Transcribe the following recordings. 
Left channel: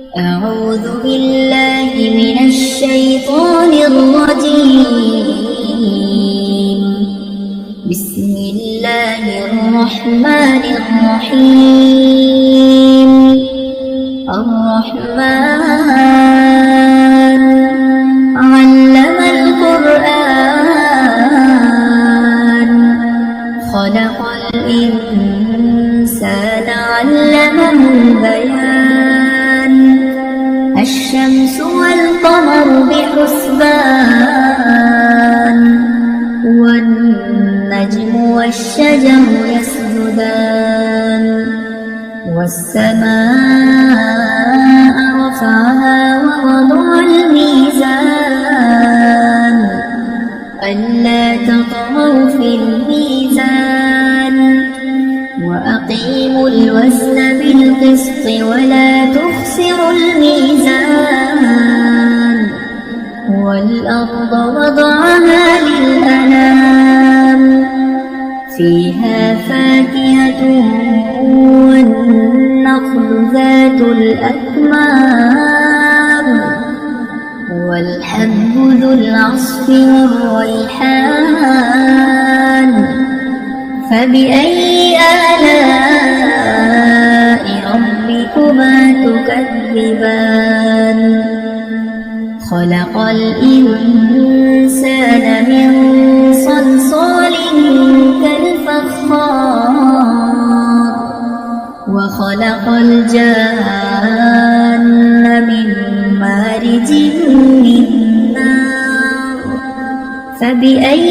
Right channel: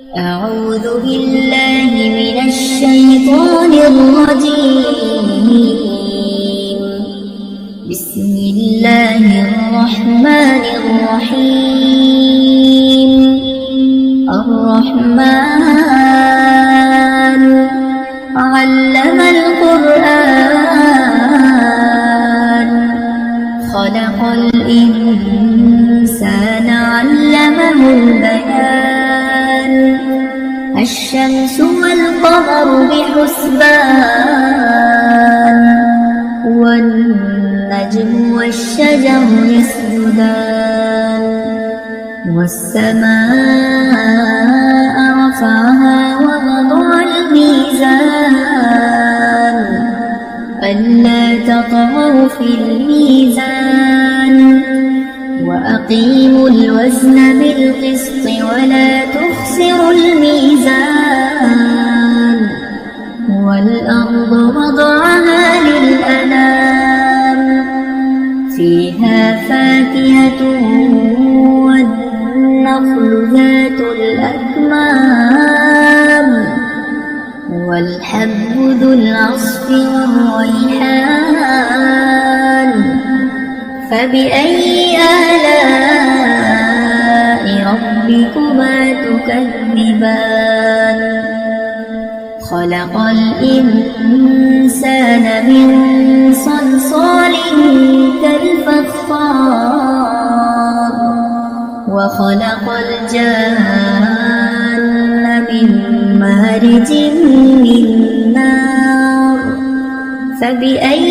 أعوذ بالله من الشيطان الرجيم. بسم الله الرحمن الرحيم. الرحمن علم القرآن خلق الإنسان علمه البيان. الشمس والقمر بحسبان والنجم والشجر يسجدان. والسماء رفعها ووضع الميزان ألا تطغوا في الميزان وأقيموا الوزن بالقسط ولا تخسروا الميزان. والأرض وضعها للأنام فيها فاكهة والنخل ذات الأكمام والحب ذو العصف والريحان. فبأي آلاء ربكما تكذبان. خلق الإنسان من صلصال كالفخار وخلق الجان من مارج من نار. فبأي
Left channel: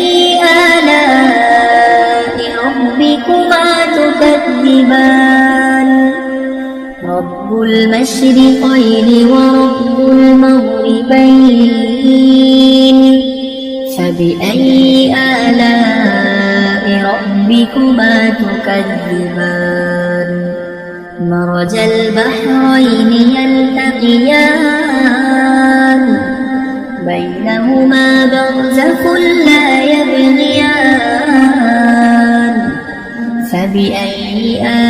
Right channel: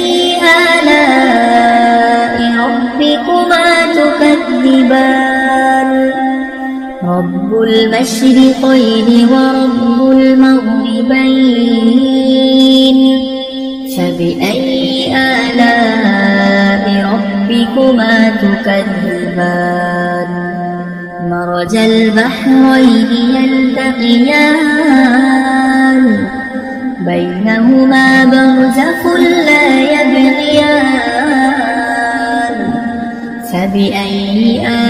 آلاء ربكما تكذبان. رب المشرقين ورب المغربين. فبأي آلاء ربكما تكذبان. مرج البحرين يلتقيان بينهما برزخ لا يبغيان. فبأي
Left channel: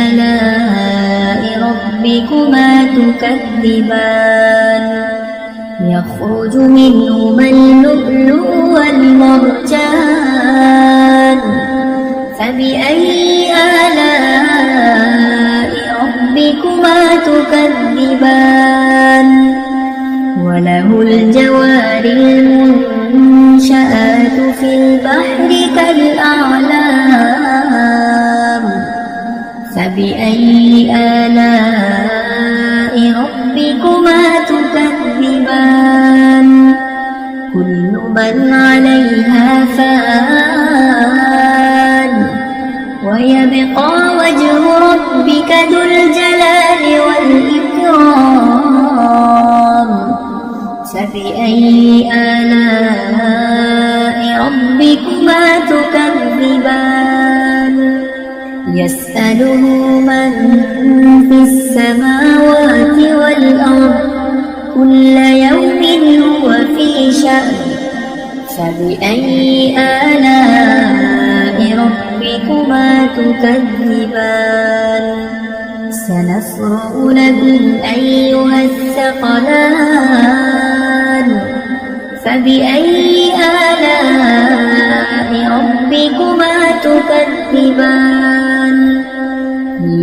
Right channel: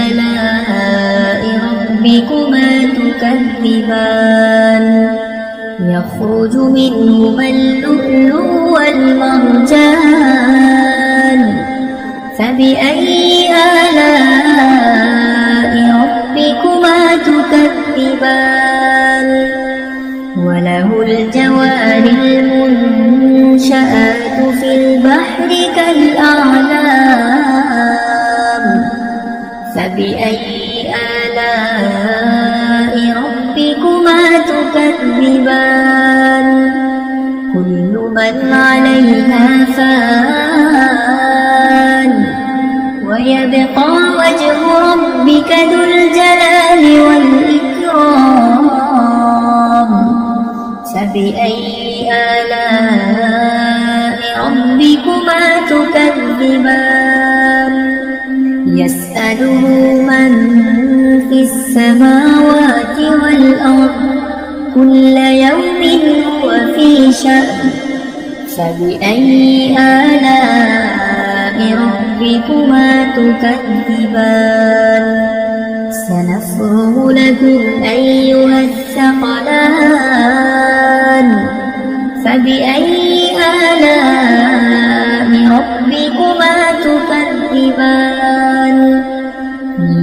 آلاء ربكما تكذبان. يخرج منهما اللؤلؤ والمرجان. فبأي آلاء ربكما تكذبان. وله الجوار المنشآت في البحر كالأعلام. فبأي آلاء ربكما تكذبان. كل من عليها فان ويبقى وجه ربك ذو الجلال والإكرام. فبأي آلاء ربكما تكذبان. يسأله من في السماوات والأرض كل يوم هو في شأن. فبأي آلاء ربكما تكذبان. سنفرغ لكم أيها الثقلان. فبأي آلاء ربكما تكذبان.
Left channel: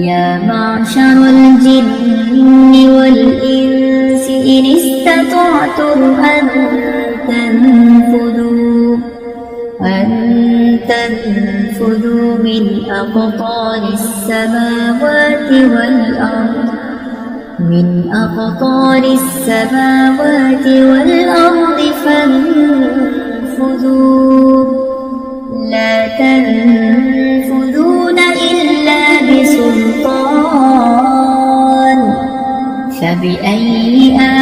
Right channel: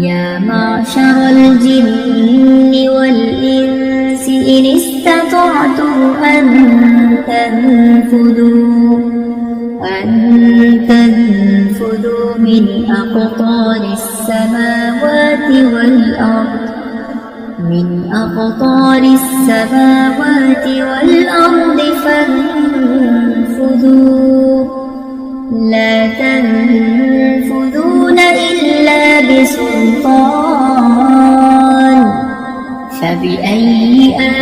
يا معشر الجن والإنس إن استطعتم أن تنفذوا من أقطار السماوات والأرض فانفذوا لا تنفذون إلا بسلطان. فبأي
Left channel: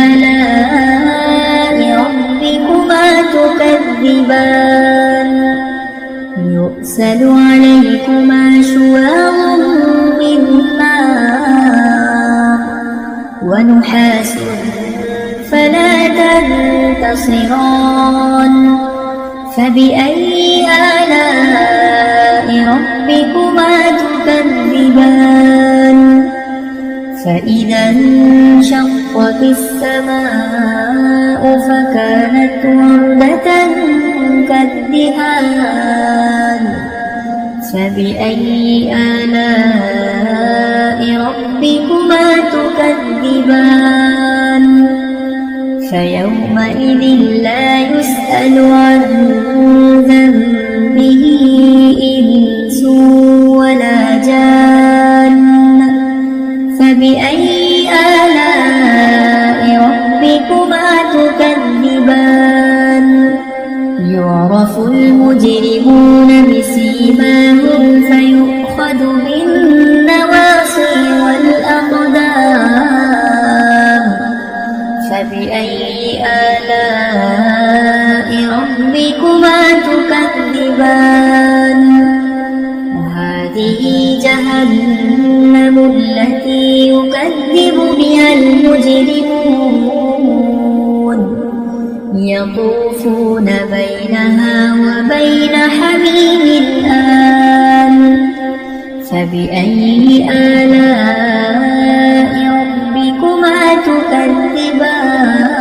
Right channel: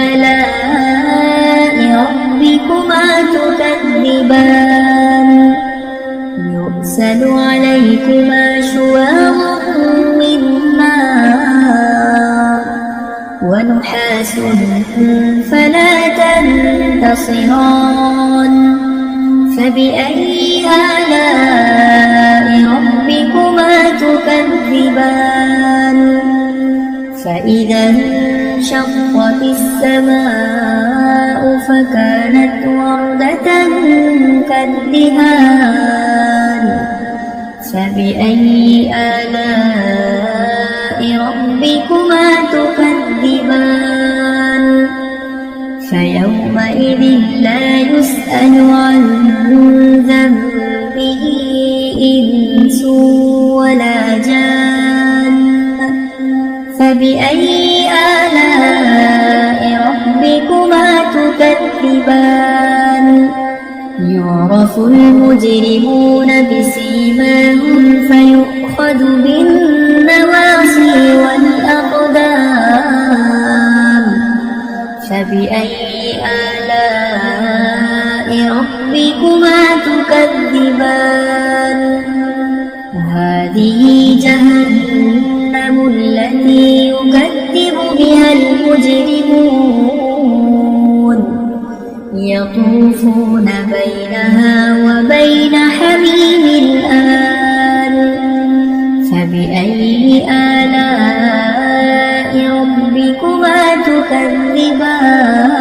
آلاء ربكما تكذبان. يرسل عليكما شواظ من نار ونحاس فلا تنتصران. فبأي آلاء ربكما تكذبان. فإذا انشقت السماء فكانت وردة كالدهان فبأي آلاء ربكما تكذبان فيومئذ لا يسأل عن ذنبه إنس ولا جان فبأي آلاء ربكما تكذبان يعرف المجرمون بسيماهم فيؤخذ بالنواصي والأقدام فبأي آلاء ربكما تكذبان هذه جهنم التي يكذب بها المجرمون يطوفون بينها وبين حميم آن فبأي آلاء ربكما تكذبان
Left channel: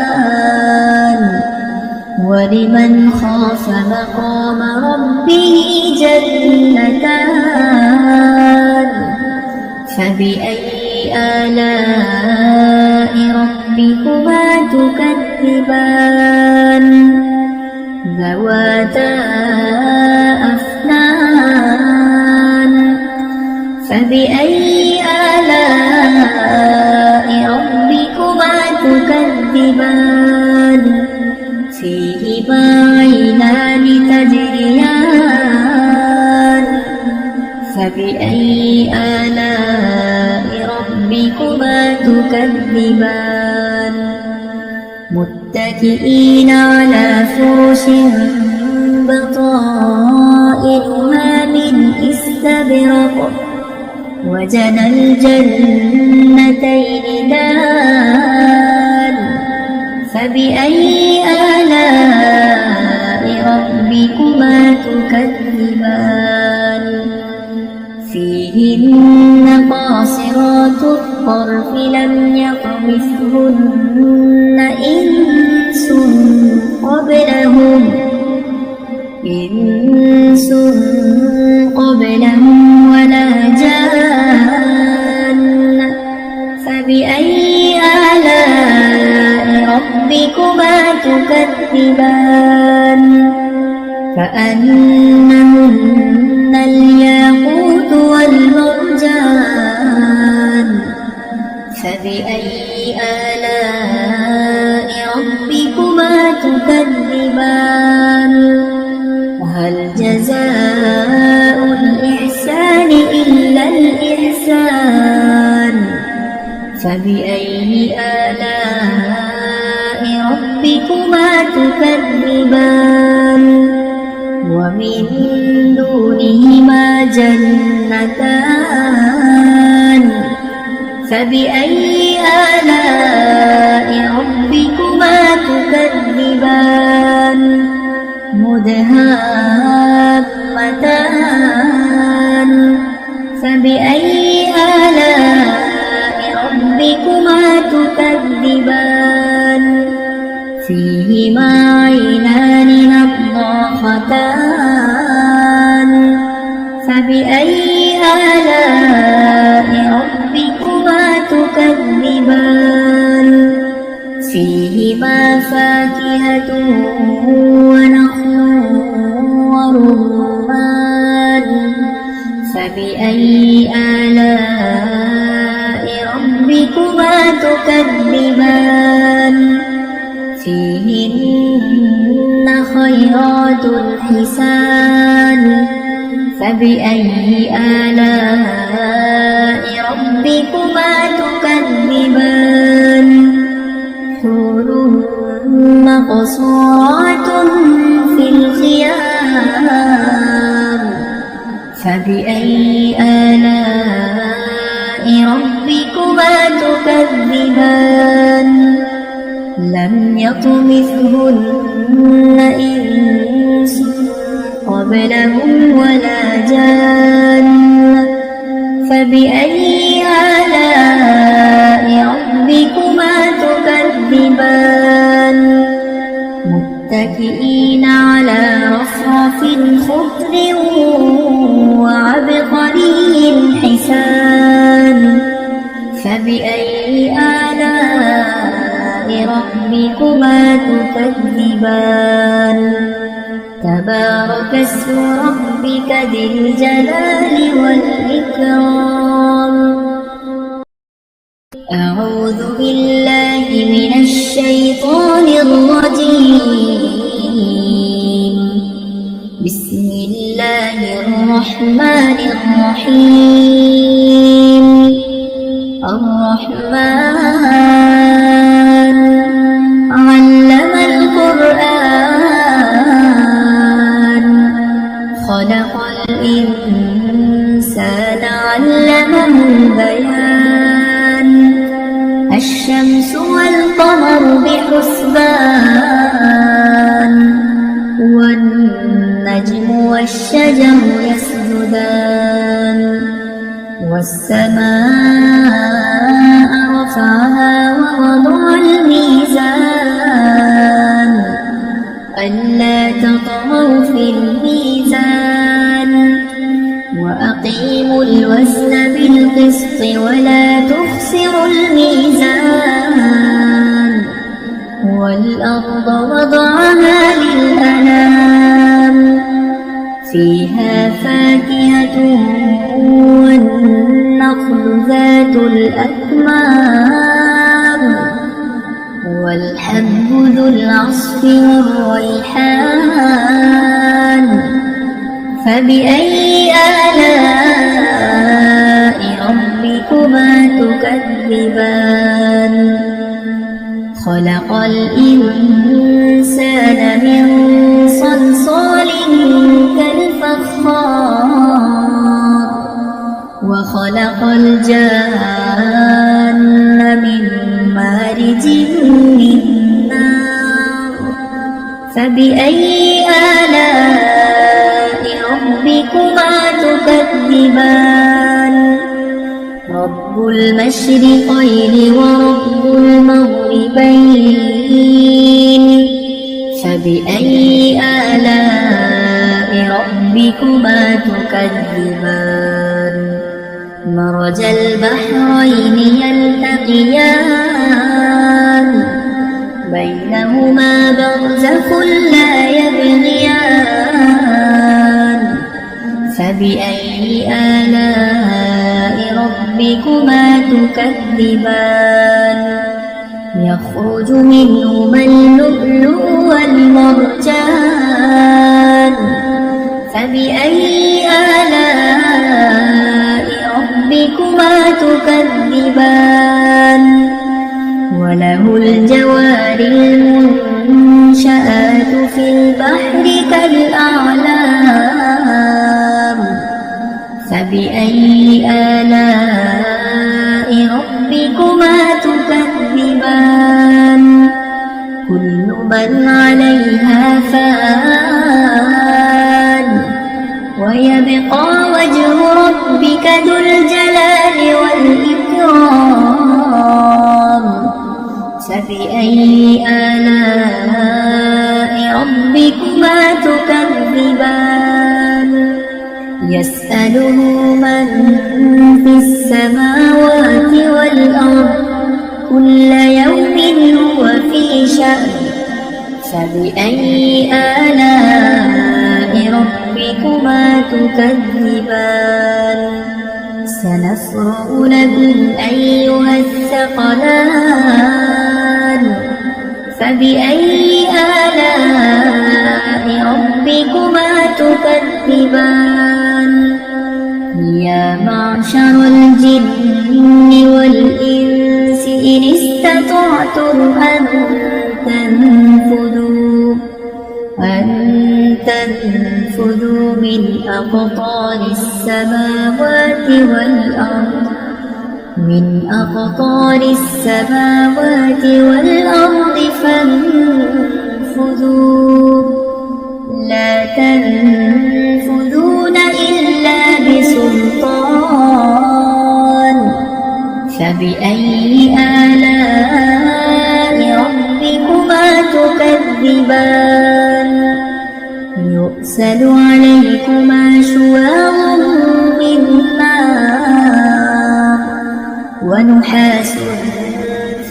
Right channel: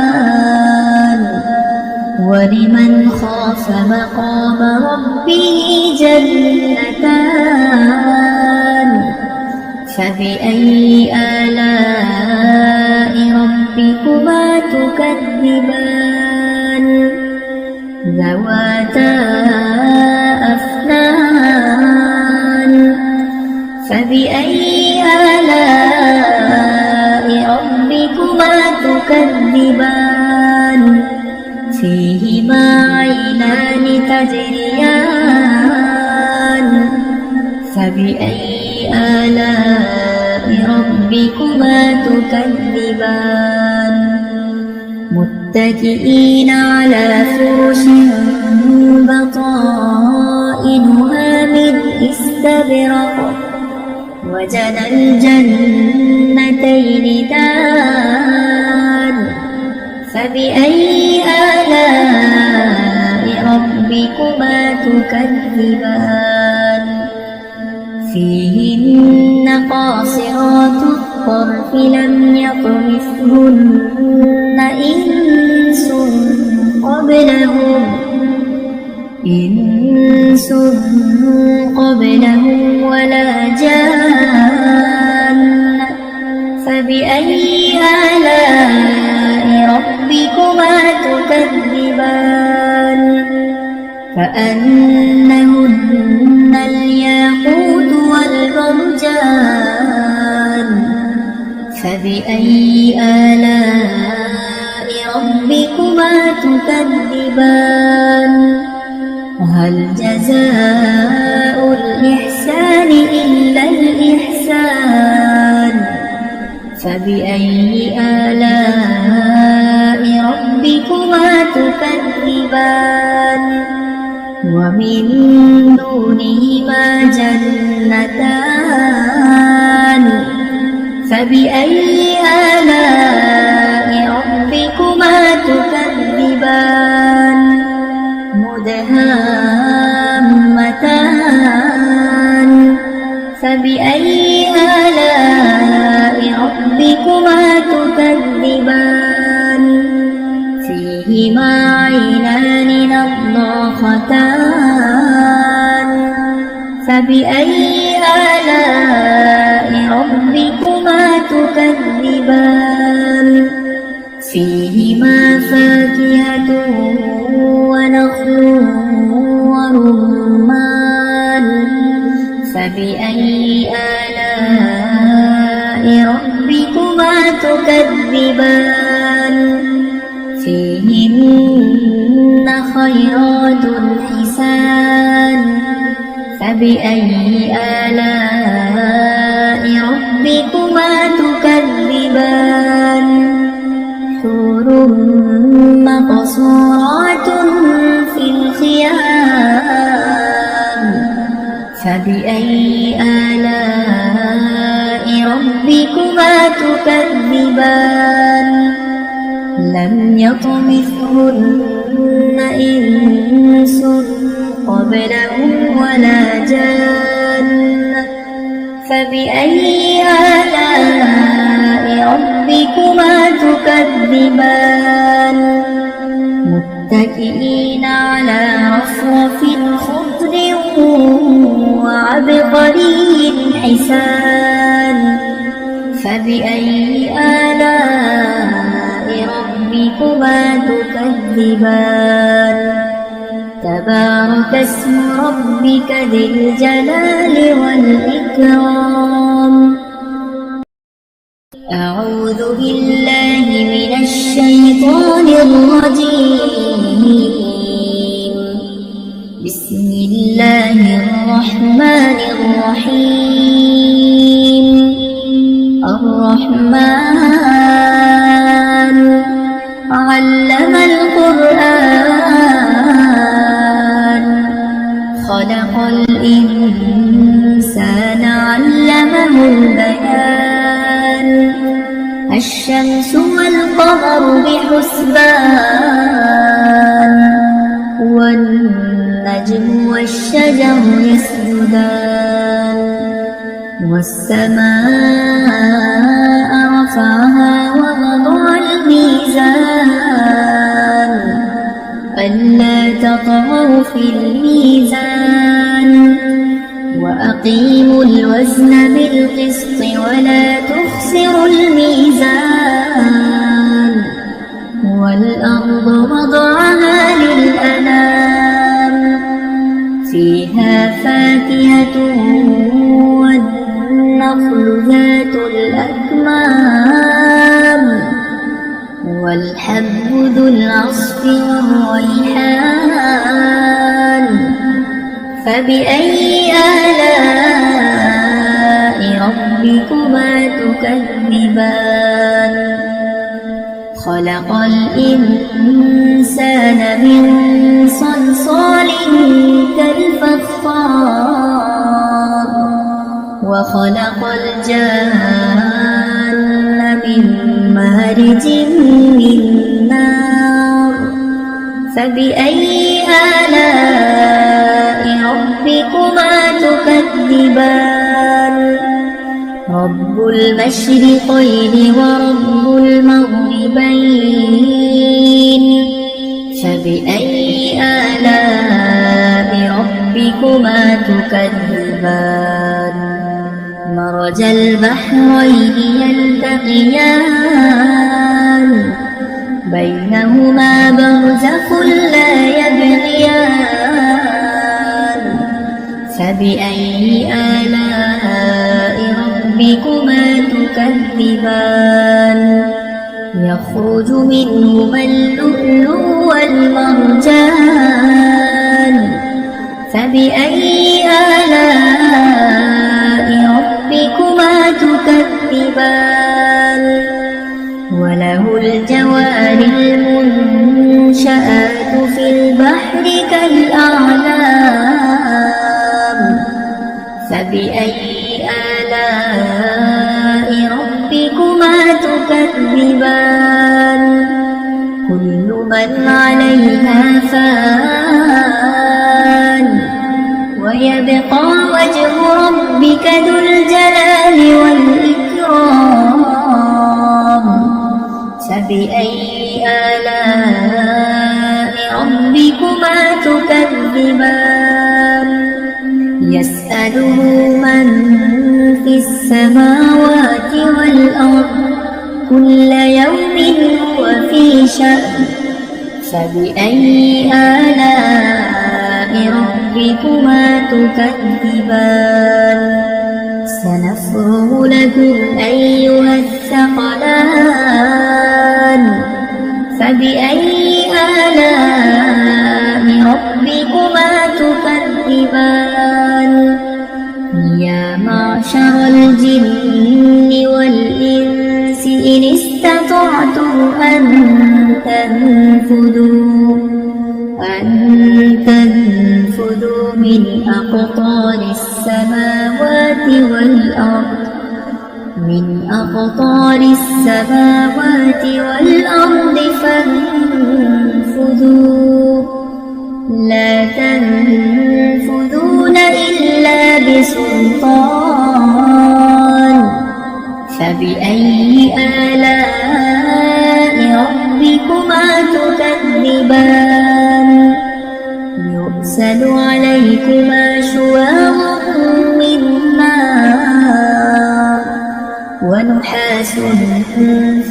ولمن خاف مقام ربه جنتان فبأي آلاء ربكما تكذبان ذواتا أفنان فبأي آلاء ربكما تكذبان فيهما عينان تجريان فبأي آلاء ربكما تكذبان متكئين على فرش بطائنها من استبرق وجنى الجنتين دان فبأي آلاء ربكما تكذبان فيهن قاصرات الطرف لم يطمثهن إنس قبلهم ولا جان فبأي آلاء ربكما تكذبان كأنهن الياقوت والمرجان فبأي آلاء ربكما تكذبان هل جزاء الإحسان إلا الإحسان فبأي آلاء ربكما تكذبان ومن دونهما جنتان فبأي آلاء ربكما تكذبان مدهامتان فبأي آلاء ربكما تكذبان فيهما عينان نضاختان فبأي آلاء ربكما تكذبان فيهما فاكهة ونخل ورمان فبأي آلاء ربكما تكذبان فيهن خيرات حسان فبأي آلاء ربكما تكذبان حور مقصورات في الخيام فبأي آلاء ربكما تكذبان لم يطمثهن إنس قبلهم ولا جان فبأي آلاء متكئين على رفرف خضر وعبقري حسان فبأي آلاء ربكما تكذبان تبارك اسم ربك ذي الجلال والإكرام أعوذ بالله من الشيطان الرجيم بسم الله الرحمن الرحيم الرحمن علم القرآن خلق الإنسان علمه البيان الشمس والقمر بحسبان والنجم والشجر يسجدان والسماء رفعها ووضع الميزان ألا تطغوا في الميزان وأقيموا الوزن بالقسط ولا تخسروا الميزان والأرض وضعها للأنام فيها فاكهة والنخل ذات الأكمام والحب ذو العصف والريحان فبأي آلاء ربكما تكذبان خلق الإنسان من صلصال كالفخار وخلق الجان من مارج من نار فبأي آلاء ربكما تكذبان رب المشرقين ورب المغربين فبأي آلاء ربكما تكذبان مرج البحرين يلتقيان بينهما برزخ لا يبغيان فبأي آلاء ربكما تكذبان يخرج منهما اللؤلؤ والمرجان فبأي آلاء ربكما تكذبان وله الجوار المنشآت في البحر كالأعلام فبأي آلاء ربكما تكذبان كل من عليها فان ويبقى وجه ربك ذو الجلال والإكرام فبأي آلاء ربكما تكذبان يسأله من في السماوات والأرض كل يوم هو في شأن فبأي آلاء ربكما تكذبان سنفرغ لكم أيها الثقلان فبأي آلاء ربكما تكذبان يا معشر الجن والإنس إن استطعتم أن تنفذوا من أقطار السماوات والأرض فانفذوا لا تنفذون إلا بسلطان فبأي آلاء ربكما تكذبان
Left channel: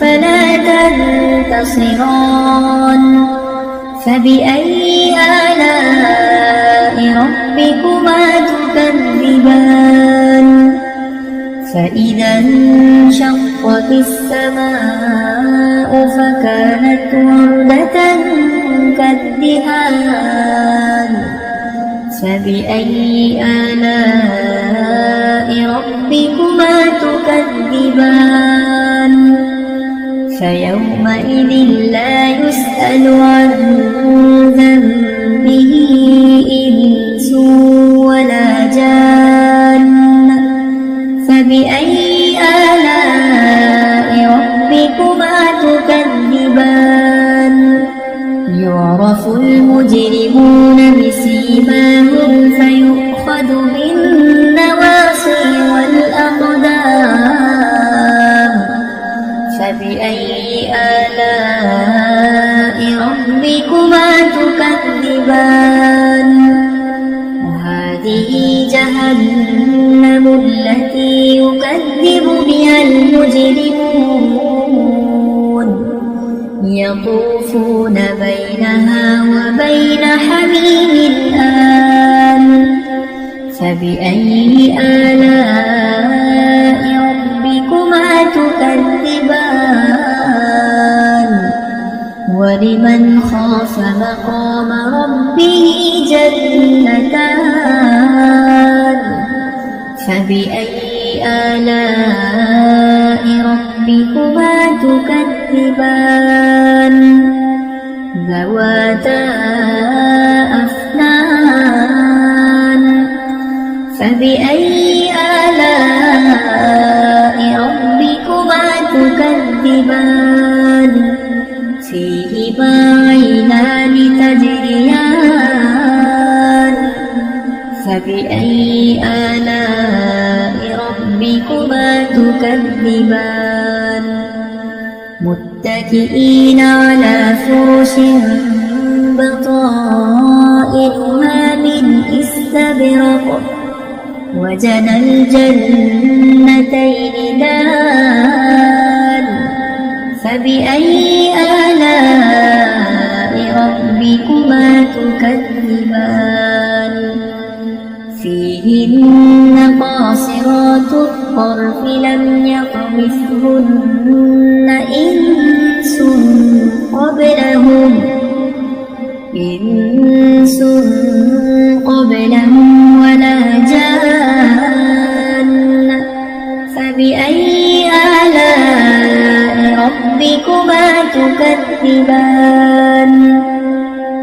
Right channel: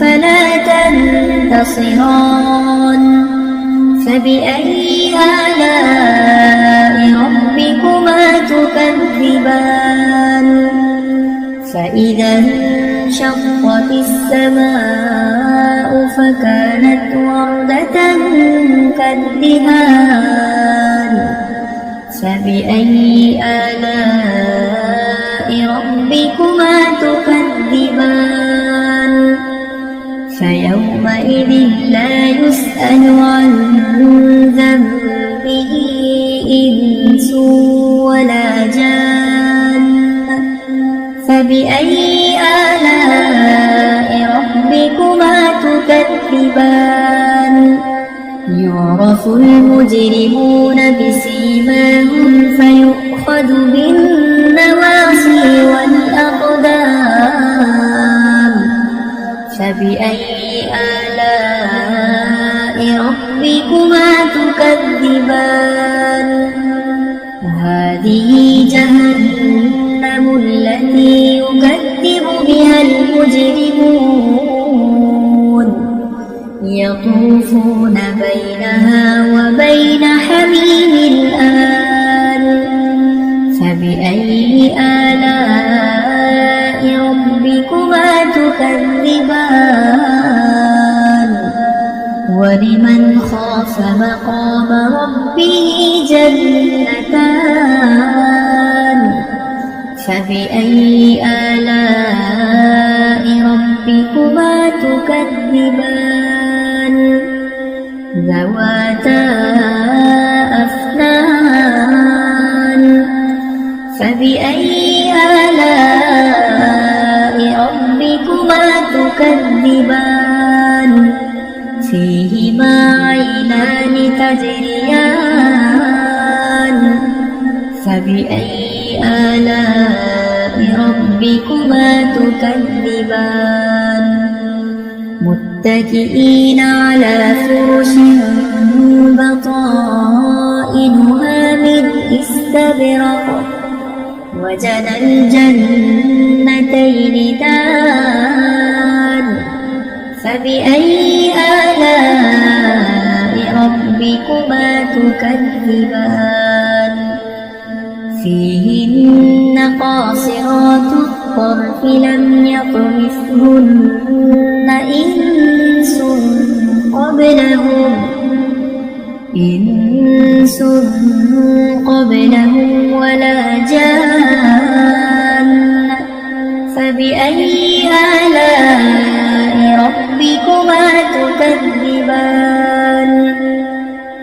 فلا تنتصران فبأي آلاء ربكما تكذبان فإذا انشقت السماء فكانت وردة كالدهان فبأي آلاء ربكما تكذبان فيومئذ لا يسأل عن ذنبه إنس ولا جان فبأي آلاء ربكما تكذبان يعرف المجرمون بسيماهم فيؤخذ بالنواصي والأقدام فبأي آلاء ربكما تكذبان هذه جهنم التي يكذب بها المجرمون يطوفون بينها وبين حميم آن فبأي آلاء ربكما تكذبان ولمن خاف مقام ربه جنتان فبأي آلاء ربكما تكذبان ذواتا أفنان فبأي آلاء ربكما تكذبان فيهما عينان تجريان فبأي آلاء ربكما تكذبان متكئين على فرش بطائنها من استبرق وجنى الجنتين دان فبأي آلاء ربكما تكذبان فيهن قاصرات الطرف لم يطمثهن إنس قبلهم ولا جان فبأي آلاء ربكما تكذبان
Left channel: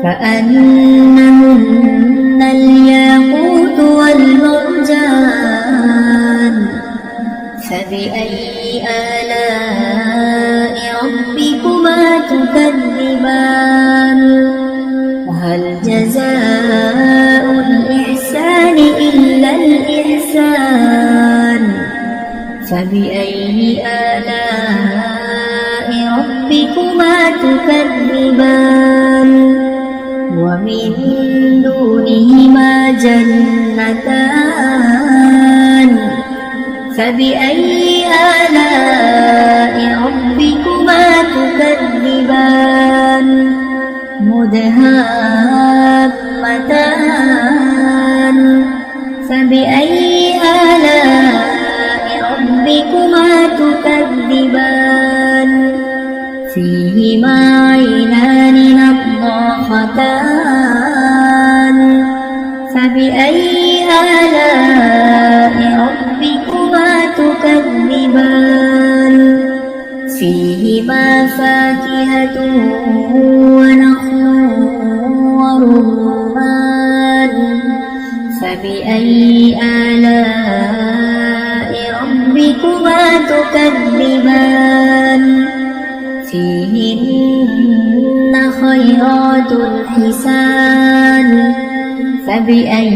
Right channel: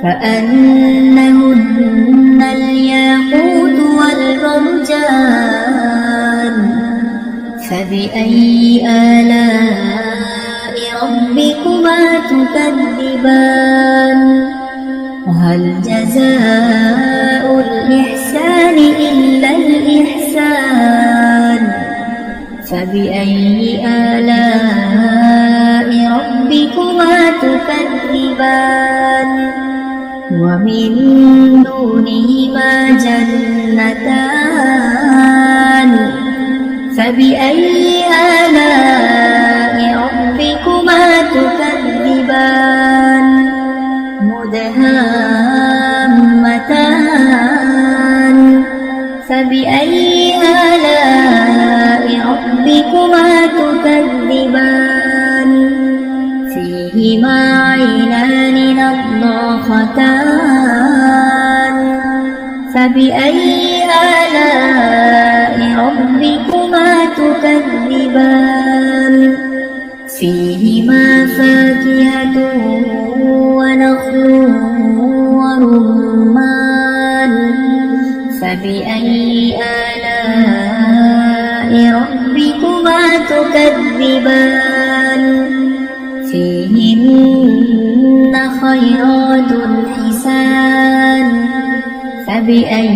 كأنهن الياقوت والمرجان فبأي آلاء ربكما تكذبان هل جزاء الإحسان إلا الإحسان فبأي آلاء ربكما تكذبان ومن دونهما جنتان فبأي آلاء ربكما تكذبان مدهامتان فبأي آلاء ربكما تكذبان فيهما عينان نضاختان فبأي آلاء ربكما تكذبان فيهما فاكهة ونخل ورمان فبأي آلاء ربكما تكذبان فيهن خيرات حسان فبأي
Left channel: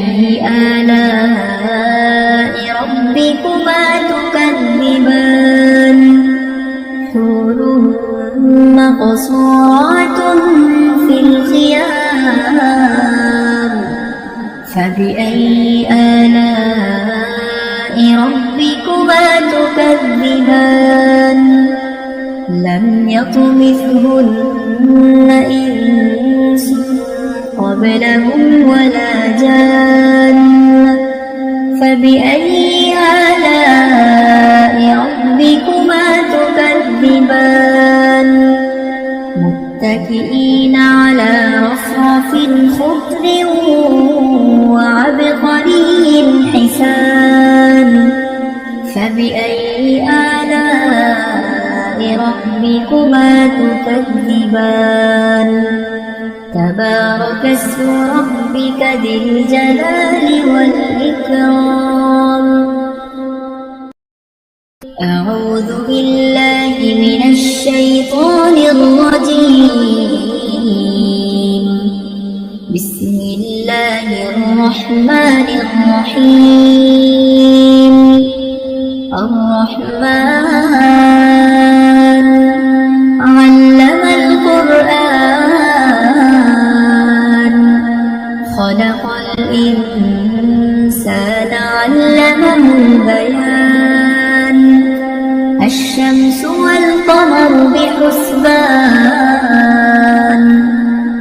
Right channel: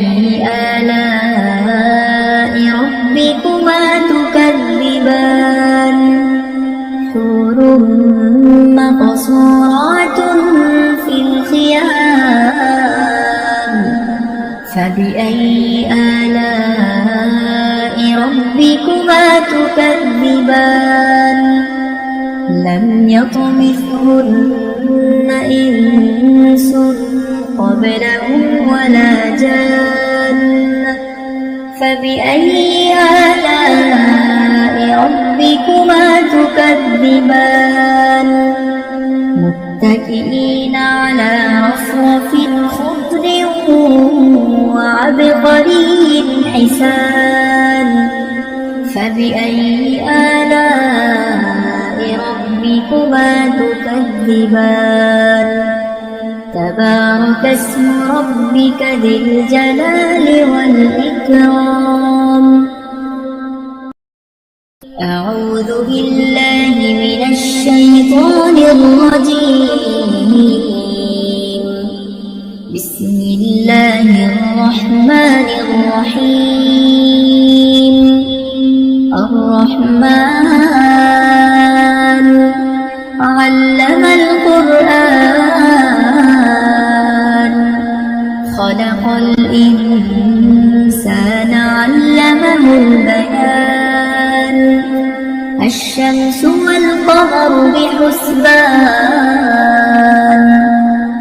آلاء ربكما تكذبان حور مقصورات في الخيام فبأي آلاء ربكما تكذبان لم يطمثهن إنس قبلهم ولا جان فبأي آلاء ربكما تكذبان متكئين على رفرف خضر وعبقري حسان فبأي آلاء ربكما تكذبان تبارك اسم ربك ذي الجلال والإكرام أعوذ بالله من الشيطان الرجيم بسم الله الرحمن الرحيم الرحمن علم القرآن خلق الإنسان علمه البيان الشمس والقمر بحسبان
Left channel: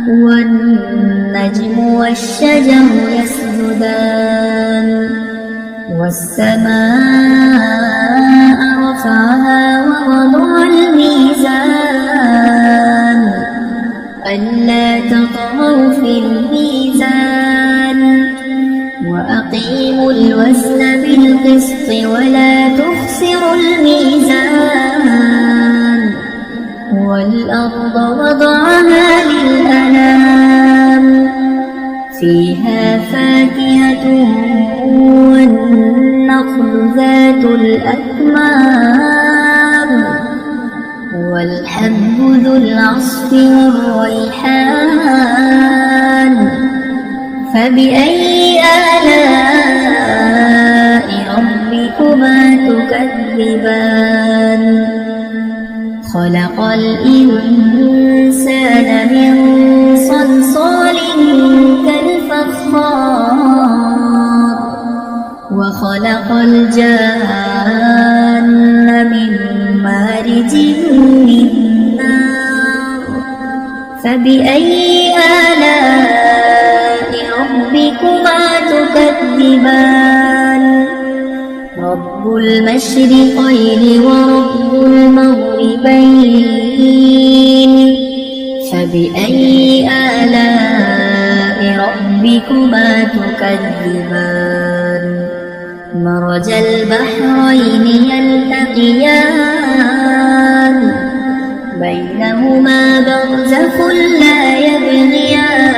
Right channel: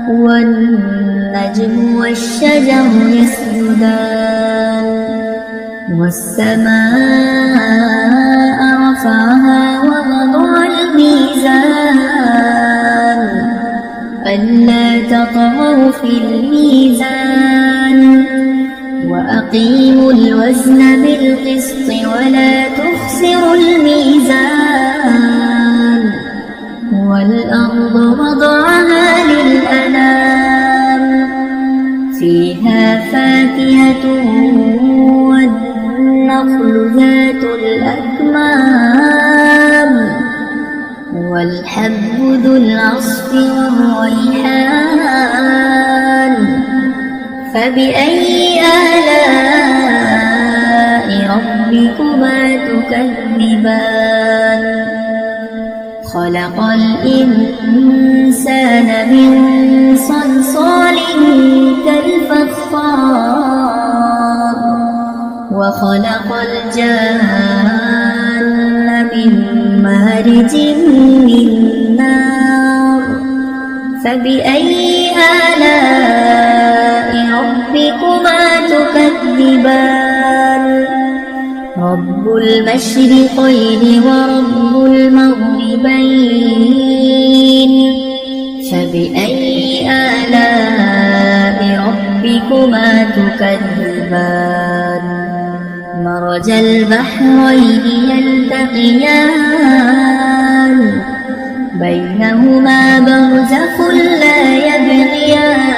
والنجم والشجر يسجدان والسماء رفعها ووضع الميزان ألا تطغوا في الميزان وأقيموا الوزن بالقسط ولا تخسروا الميزان والأرض وضعها للأنام فيها فاكهة والنخل ذات الأكمام والحب ذو العصف والريحان فبأي آلاء ربكما تكذبان خلق الإنسان من صلصال كالفخار وخلق الجان من مارج من نار فبأي آلاء ربكما تكذبان رب المشرقين ورب المغربين فبأي آلاء ربكما تكذبان مرج البحرين يلتقيان بينهما برزخ لا يبغيان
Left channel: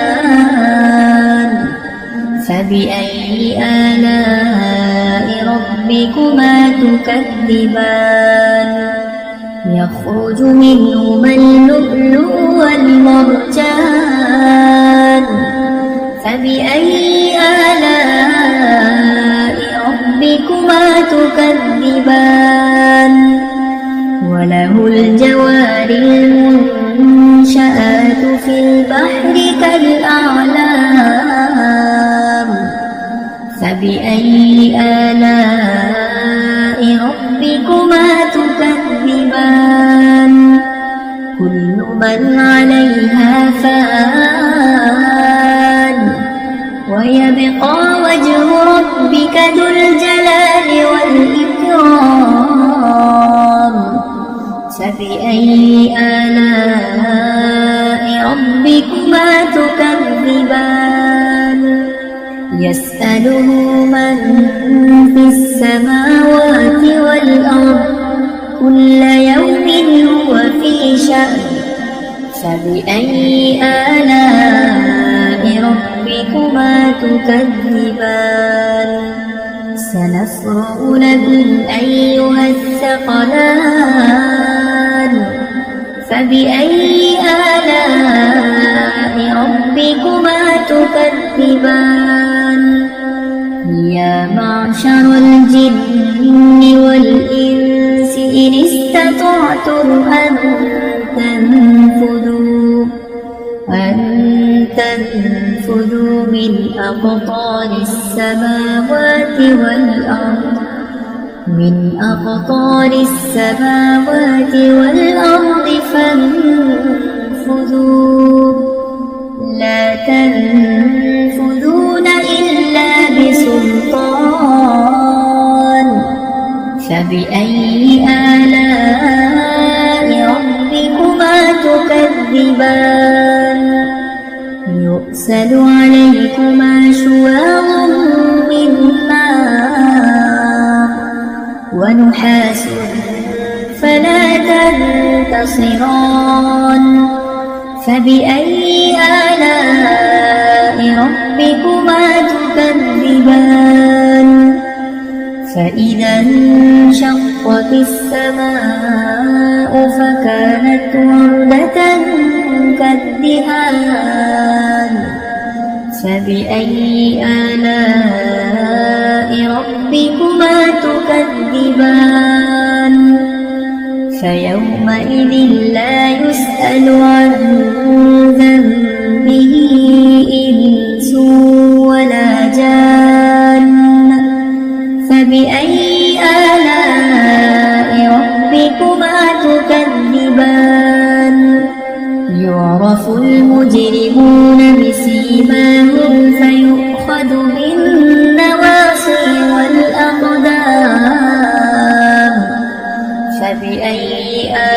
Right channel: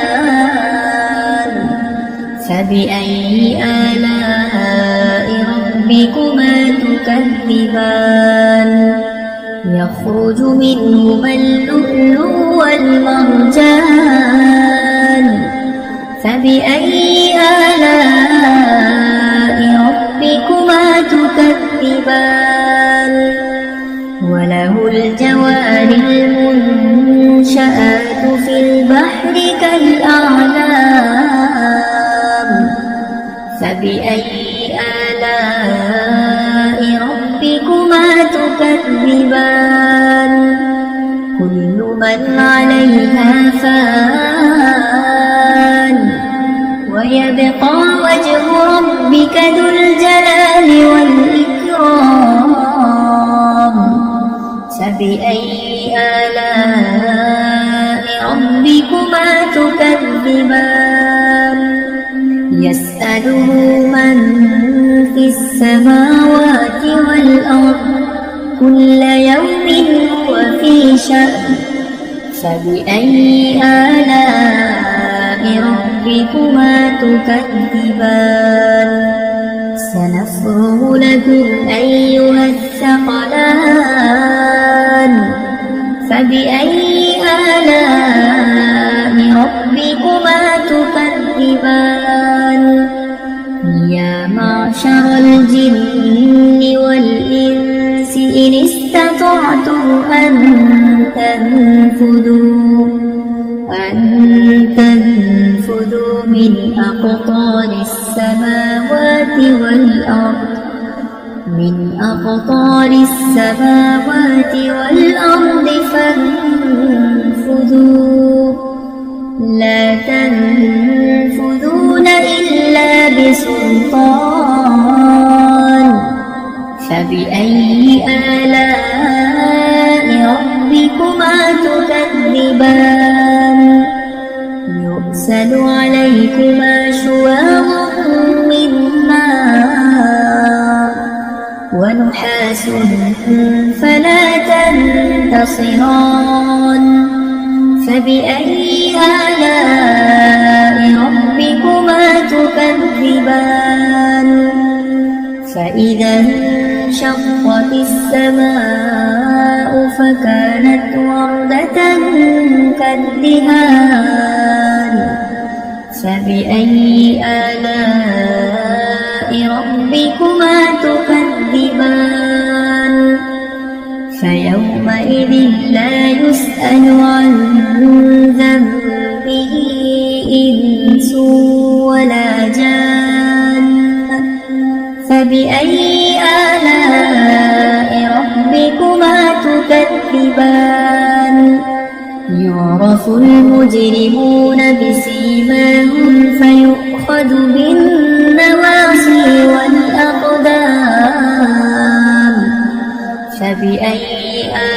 فبأي آلاء ربكما تكذبان يخرج منهما اللؤلؤ والمرجان فبأي آلاء ربكما تكذبان وله الجوار المنشآت في البحر كالأعلام فبأي آلاء ربكما تكذبان كل من عليها فان ويبقى وجه ربك ذو الجلال والإكرام فبأي آلاء ربكما تكذبان يسأله من في السماوات والأرض كل يوم هو في شأن فبأي آلاء ربكما تكذبان سنفرغ لكم أيها الثقلان فبأي آلاء ربكما تكذبان يا معشر الجن والإنس إن استطعتم أن تنفذوا من أقطار السماوات والأرض من أقطار السماوات والأرض فانفذوا لا تنفذون إلا بسلطان فبأي آلاء ربكما تكذبان يرسل عليكما شواظ من نار ونحاس فلا تنتصران فبأي آلاء ربكما تكذبان فإذا انشقت السماء فكانت وردة كالدهان فبأي آلاء ربكما تكذبان فيومئذ لا يسأل عن ذنبه إنس ولا جان فبأي آلاء ربكما تكذبان يعرف المجرمون بسيماهم فيؤخذ بالنواصي والأقدام فبأي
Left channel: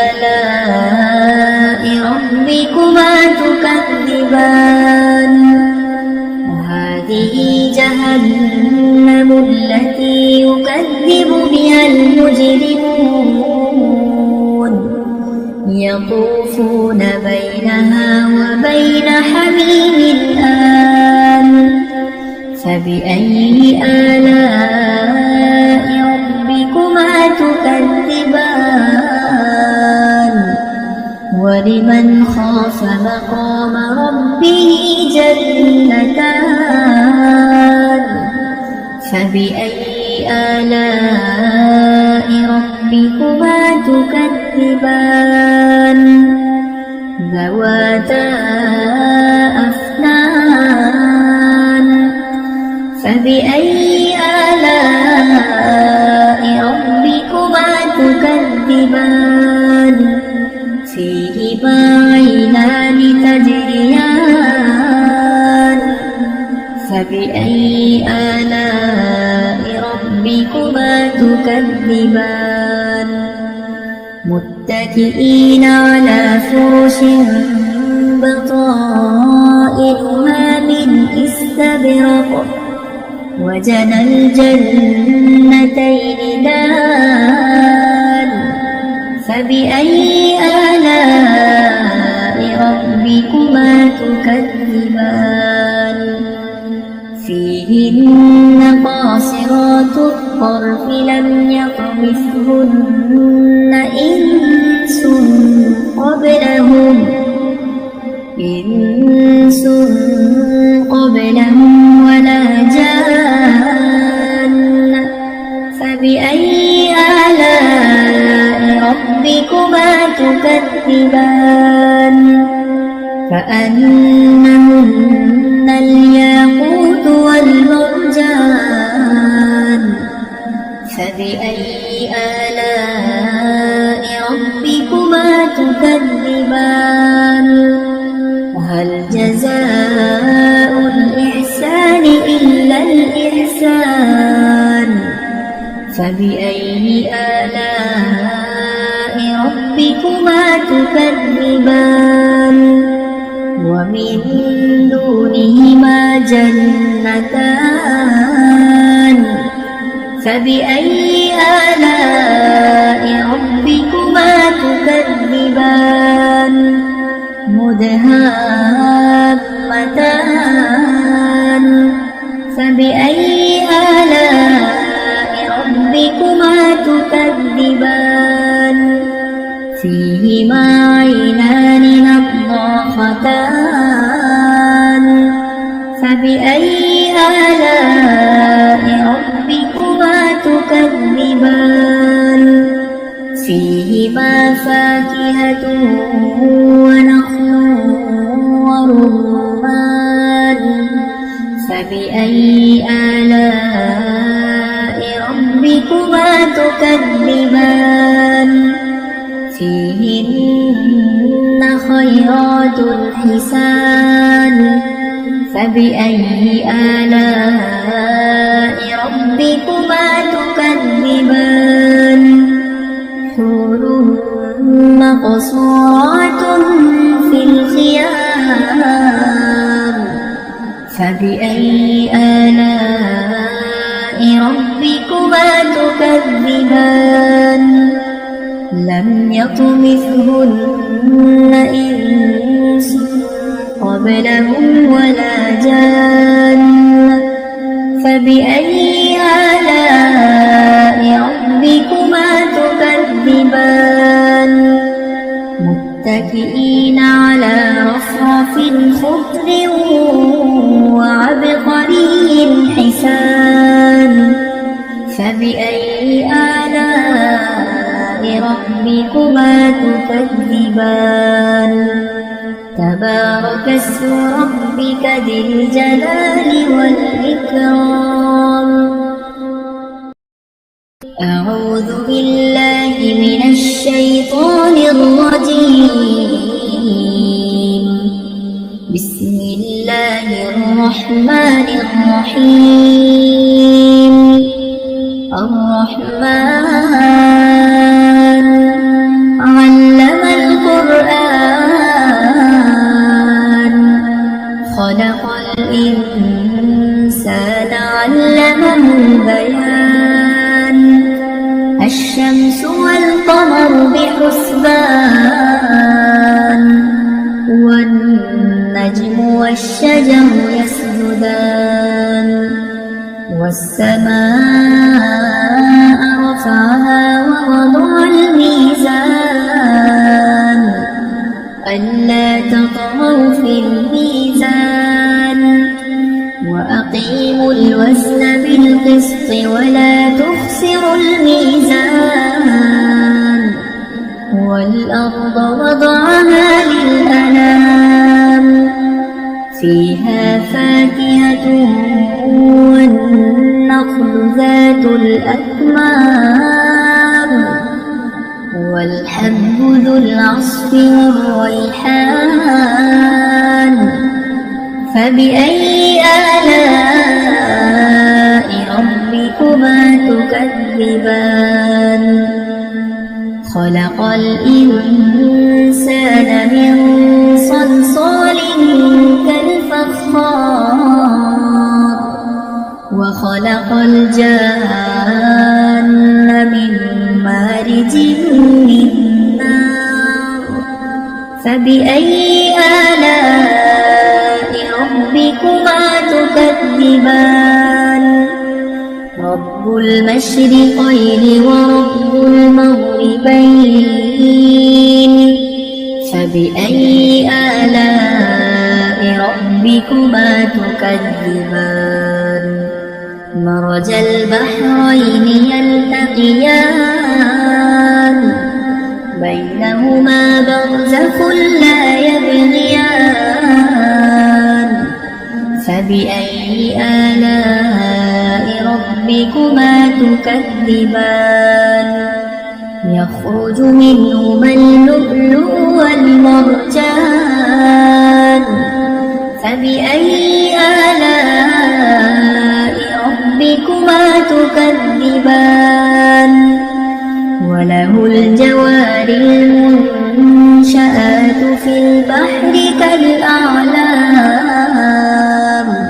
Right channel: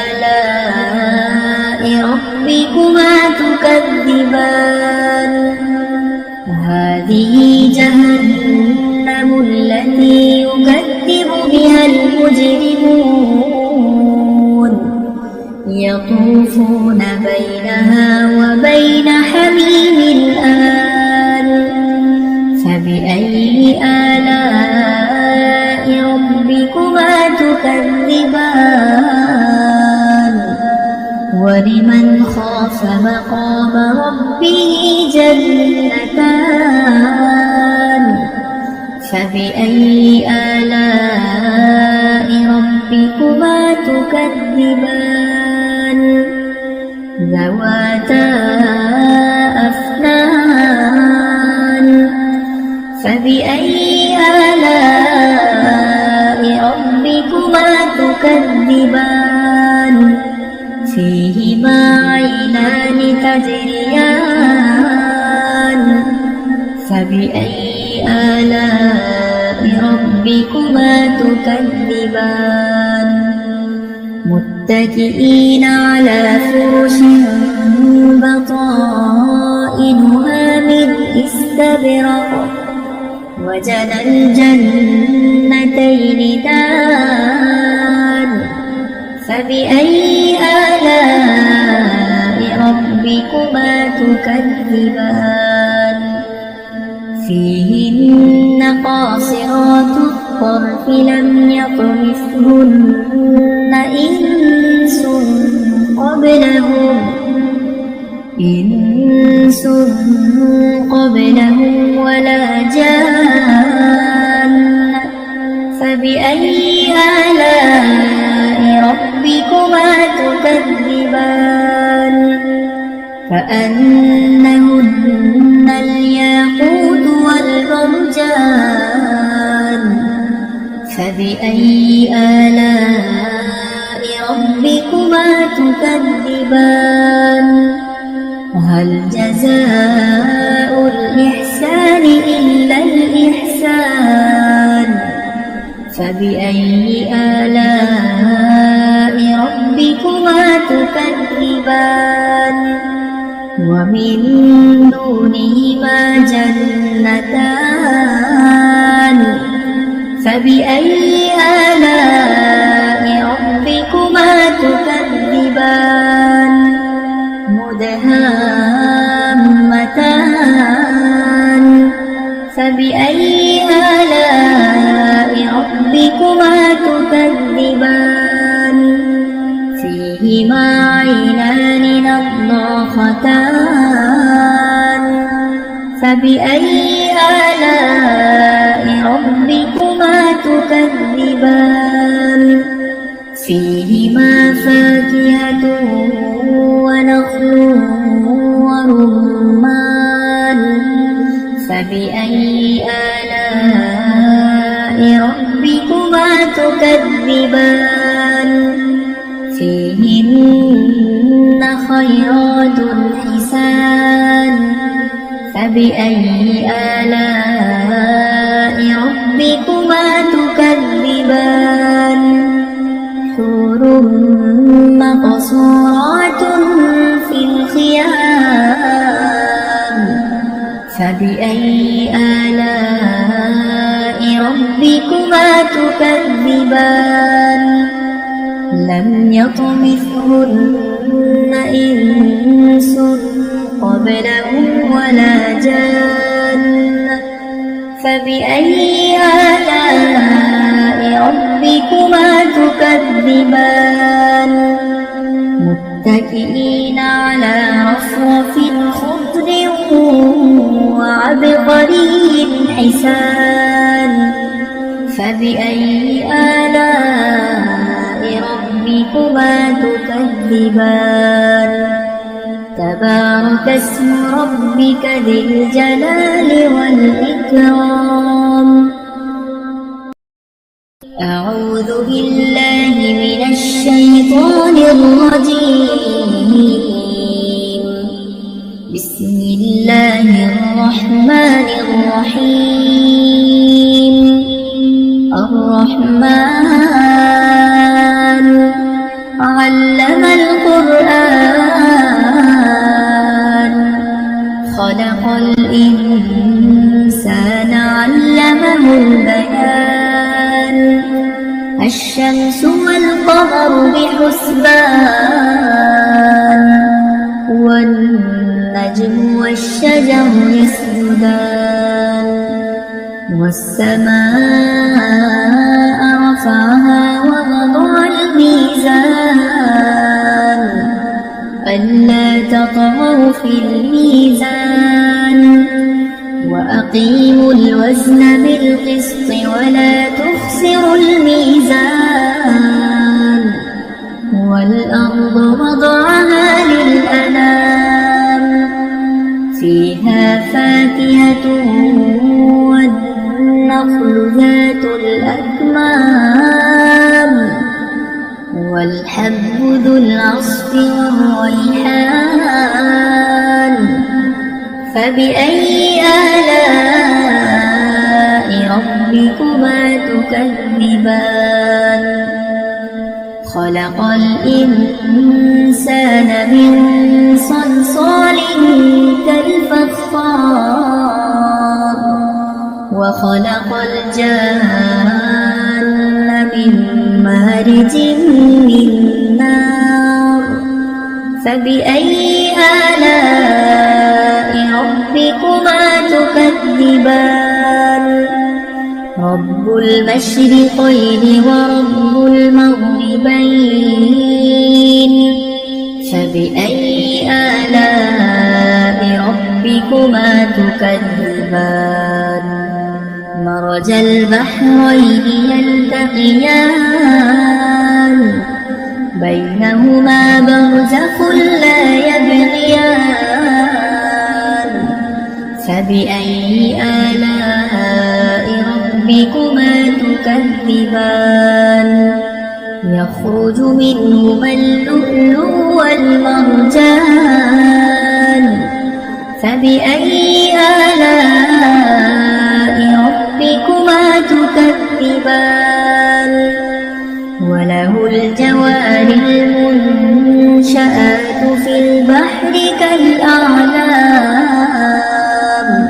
آلاء ربكما تكذبان هذه جهنم التي يكذب بها المجرمون يطوفون بينها وبين حميم آن فبأي آلاء ربكما تكذبان ولمن خاف مقام ربه جنتان فبأي آلاء ربكما تكذبان ذواتا أفنان فبأي آلاء ربكما تكذبان فيهما عينان تجريان فبأي آلاء ربكما تكذبان متكئين على فرش بطائنها من استبرق وجنى الجنتين دان فبأي آلاء ربكما تكذبان فيهن قاصرات الطرف لم يطمثهن إنس قبلهم ولا جان فبأي آلاء ربكما تكذبان كأنهن الياقوت والمرجان فبأي آلاء ربكما تكذبان هل جزاء الإحسان إلا الإحسان فبأي آلاء ربكما تكذبان ومن دونهما جنتان فبأي آلاء ربكما تكذبان مدهامتان فبأي آلاء ربكما تكذبان فيهما عينان نضاختان فبأي آلاء ربكما تكذبان فيهما فاكهة ونخل ورمان فبأي آلاء ربكما تكذبان حسان فبأي آلاء ربكما تكذبان حور مقصورات في الخيام فبأي آلاء ربكما تكذبان لم يطمثهن إنس قبلهم ولا جان فبأي آلاء ربكما تكذبان متكئين على رفرف خضر وعبقري حسان فبأي آلاء ربكما تكذبان تبارك اسم ربك ذي الجلال والإكرام أعوذ بالله من الشيطان الرجيم بسم الله الرحمن الرحيم الرحمن علم القرآن خلق الإنسان علمه البيان الشمس والقمر بحسبان والنجم والشجر يسجدان والسماء رفعها ووضع الميزان ألا تطغوا في الميزان وأقيموا الوزن بالقسط ولا تخسروا الميزان والأرض وضعها للأنام فيها فاكهة والنخل ذات الأكمام والحب ذو العصف والريحان فبأي آلاء ربكما تكذبان خلق الإنسان من صلصال كالفخار وخلق الجان من مارج من نار فبأي آلاء ربكما تكذبان رب المشرقين ورب المغربين فبأي آلاء ربكما تكذبان مرج البحرين يلتقيان بينهما برزخ لا يبغيان فبأي آلاء ربكما تكذبان يخرج منهما اللؤلؤ والمرجان فبأي آلاء ربكما تكذبان وله الجوار المنشآت في البحر كالأعلام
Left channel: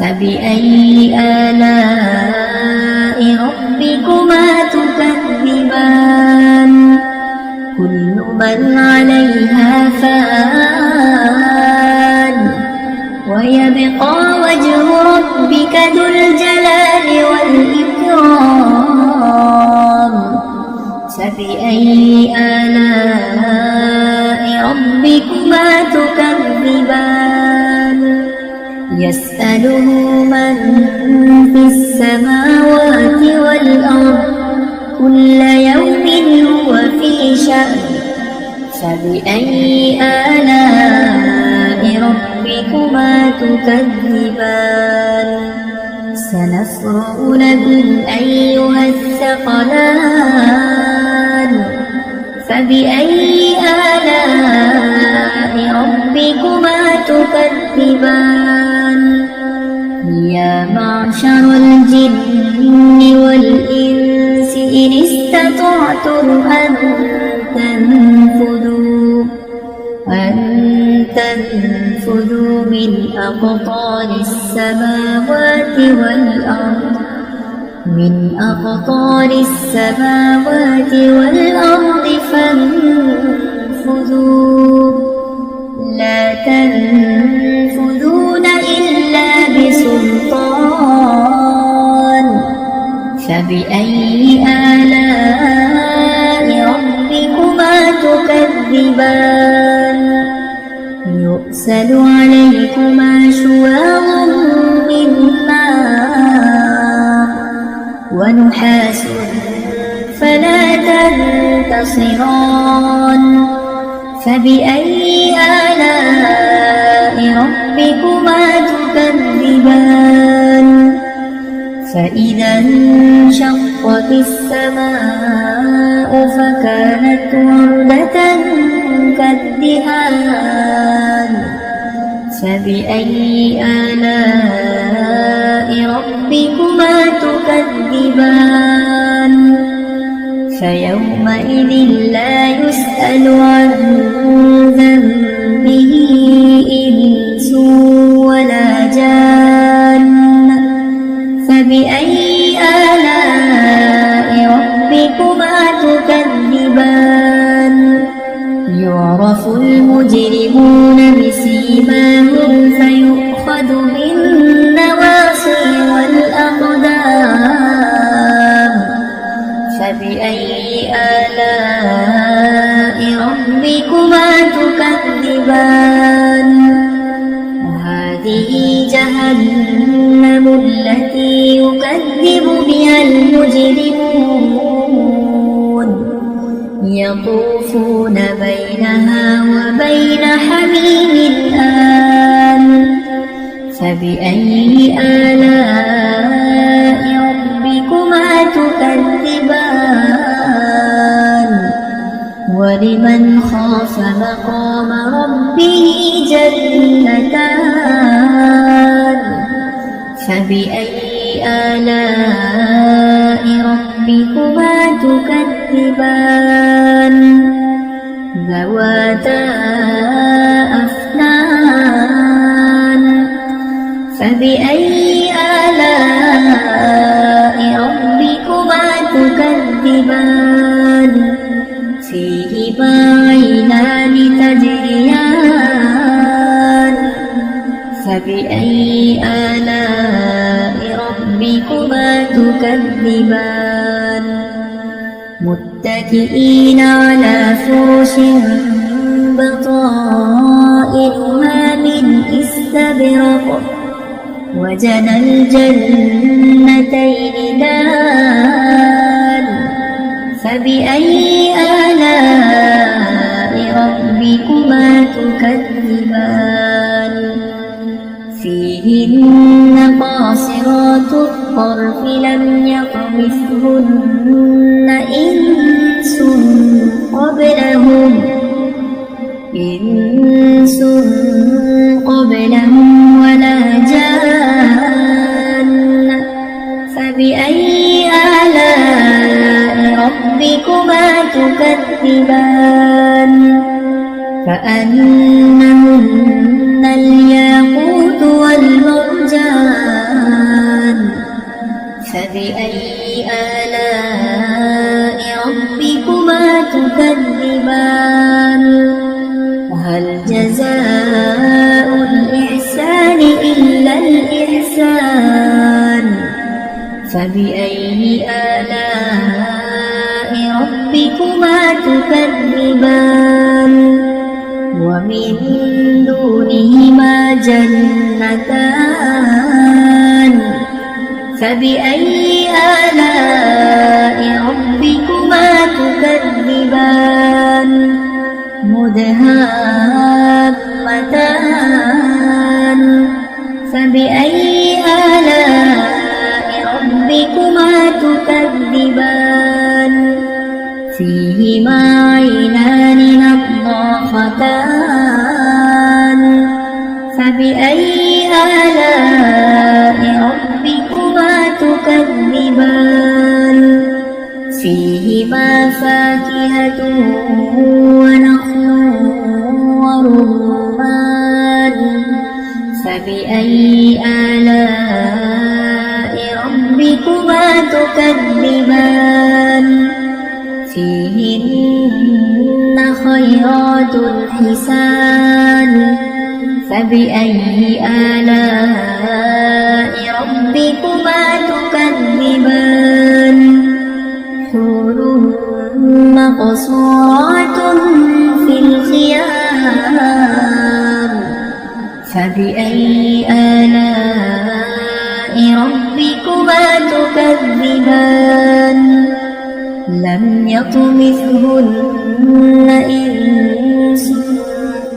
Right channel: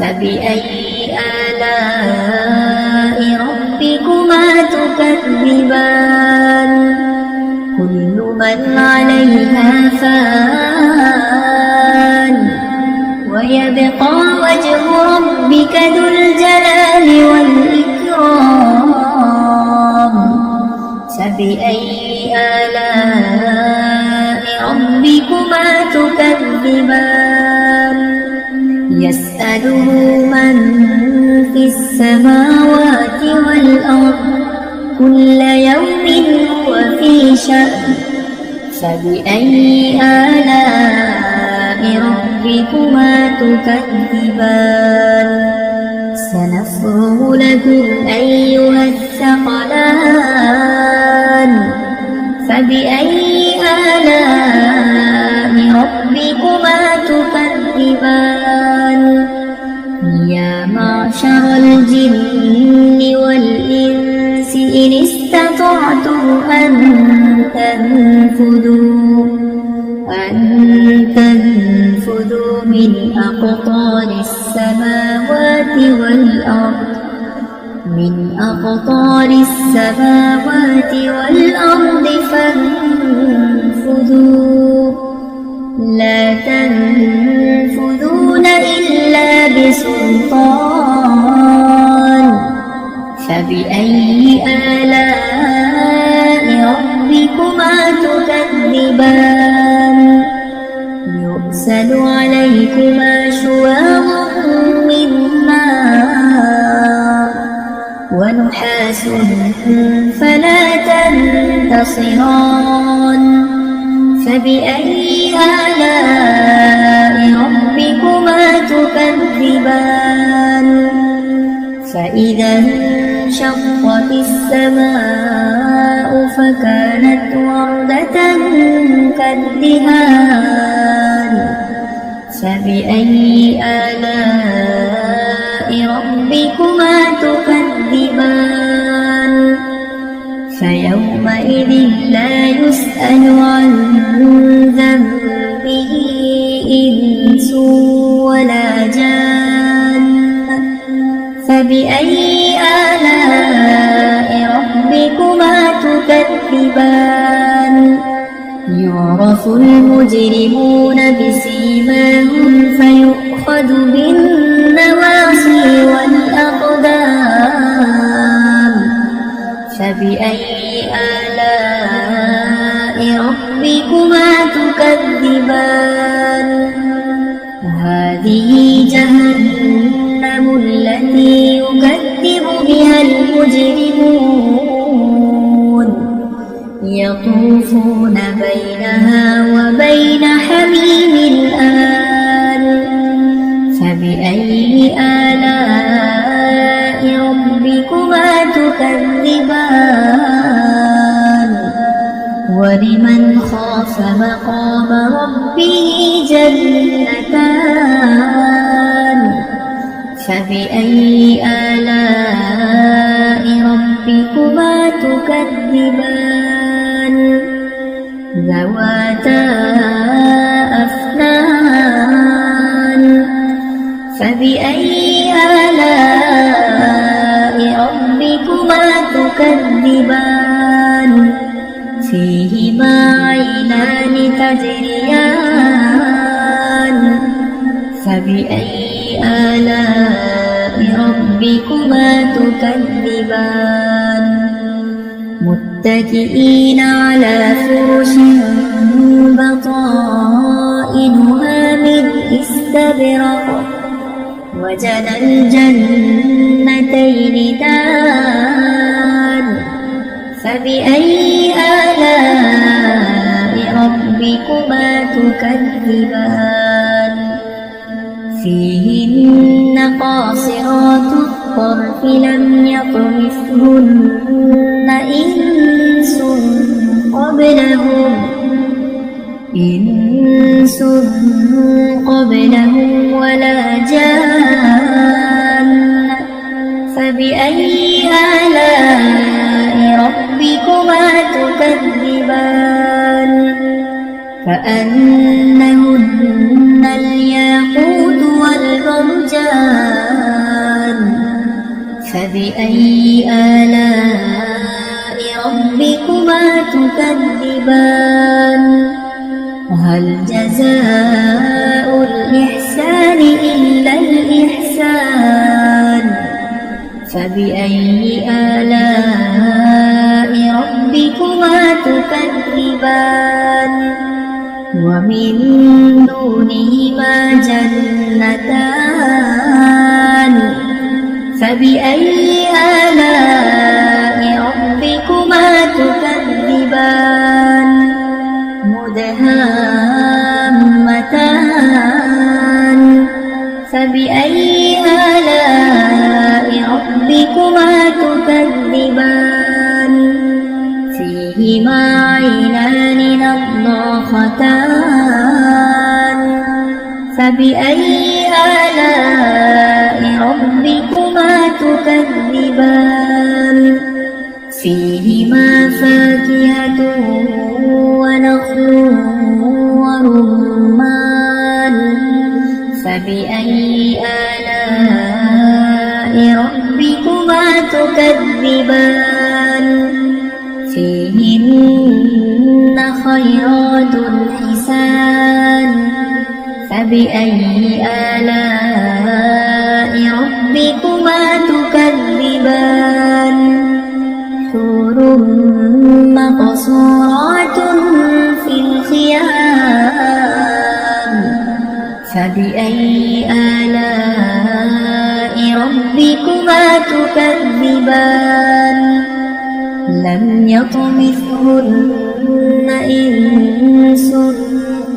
فبأي آلاء ربكما تكذبان كل من عليها فان ويبقى وجه ربك ذو الجلال والإكرام فبأي آلاء ربكما تكذبان يسأله من في السماوات والأرض كل يوم هو في شأن فبأي آلاء ربكما تكذبان سنفرغ لكم أيها الثقلان فبأي آلاء ربكما تكذبان يا معشر الجن والإنس إن استطعتم أن تنفذوا من أقطار السماوات والأرض فانفذوا لا تنفذون إلا بسلطان فبأي آلاء ربكما تكذبان يرسل عليكما شواظ من نار ونحاس فلا تنتصران فبأي آلاء ربكما تكذبان فإذا انشقت السماء فكانت وردة كالدهان فبأي آلاء ربكما تكذبان فيومئذ لا يسأل عن ذنبه إنس ولا جان فبأي آلاء ربكما تكذبان يعرف المجرمون بسيماهم فيؤخذ بالنواصي والأقدام فبأي آلاء ربكما تكذبان هذه جهنم التي يكذب بها المجرمون يطوفون بينها وبين حميم آن فبأي آلاء ربكما تكذبان ولمن خاف مقام ربه جنتان فبأي آلاء ربكما تكذبان ذواتا أفنان فبأي آلاء ربكما تكذبان فيهما عينان تجريان فبأي آلاء ربكما تكذبان متكئين على فرش بطائنها من استبرق وجنى الجنتين دان فبأي آلاء ربكما تكذبان فيهن قاصرات الطرف لم يطمثهن إنس قبلهم ولا جان فبأي آلاء ربكما تكذبان كأنهن الياقوت والمرجان فبأي آلاء ربكما تكذبان هل جزاء الإحسان إلا الإحسان فبأي آلاء ربكما تكذبان ومن دونهما جنتان فبأي آلاء ربكما تكذبان مدهامتان فبأي آلاء ربكما تكذبان فيهما عينان نضاختان فبأي آلاء ربكما تكذبان فيهما فاكهة ونخل ورمان فبأي آلاء ربكما تكذبان فيهن خيرات حسان فبأي آلاء ربكما تكذبان حور مقصورات في الخيام فبأي آلاء ربكما تكذبان لم يطمثهن إنس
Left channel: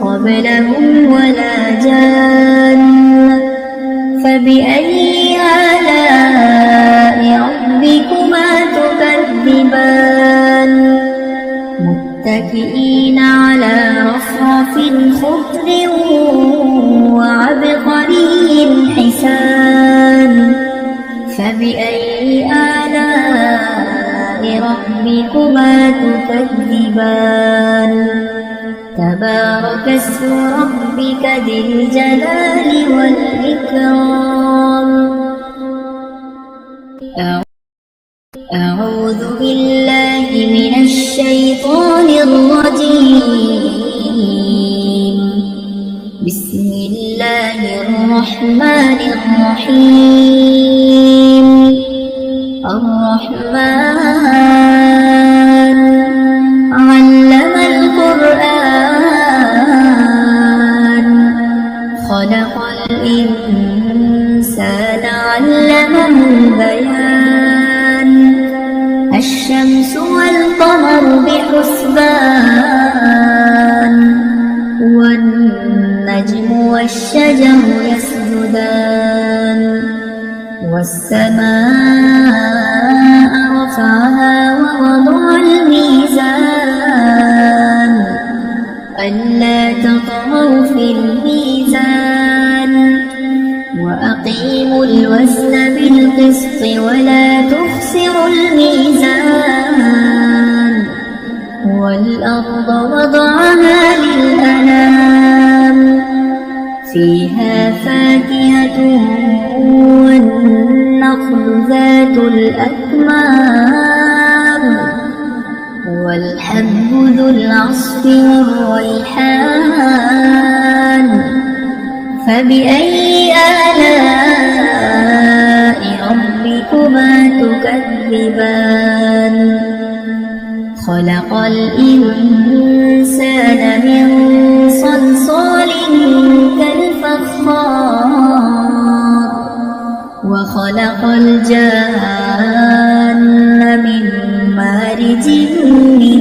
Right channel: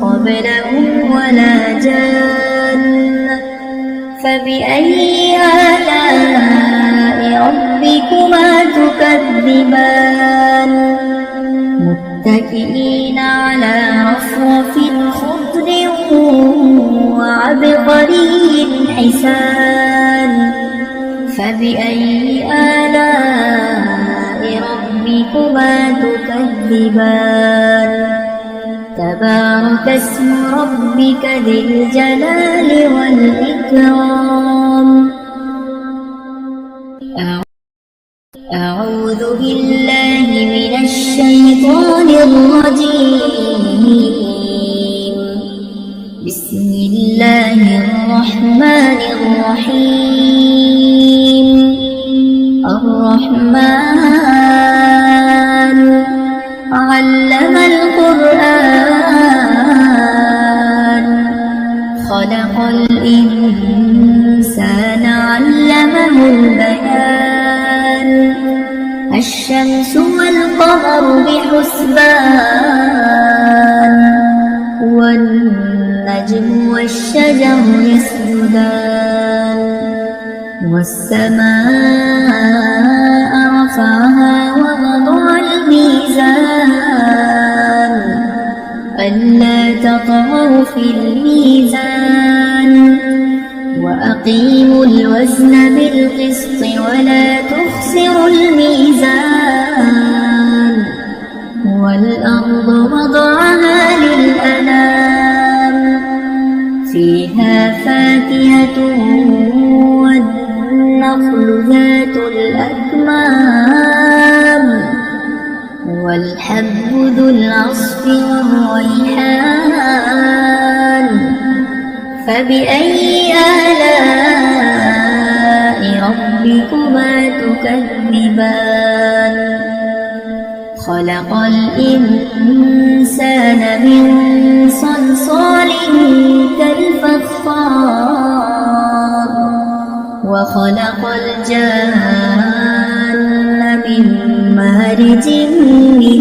قبلهم ولا جان فبأي آلاء ربكما تكذبان متكئين على رفرف خضر وعبقري حسان فبأي آلاء ربكما تكذبان تبارك اسم ربك ذي الجلال والإكرام أعوذ بالله من الشيطان الرجيم بسم الله الرحمن الرحيم الرحمن علم القرآن خلق الإنسان علمه البيان الشمس والقمر بحسبان والنجم والشجر يسجدان والسماء رفعها ووضع الميزان ألا تطغوا في الميزان وأقيموا الوزن بالقسط ولا تخسروا الميزان والأرض وضعها للأنام فيها فاكهة والنخل ذات الأكمام والحب ذو العصف والريحان فبأي آلاء ربكما تكذبان خلق الإنسان من صلصال كالفخار وخلق الجان من مارج من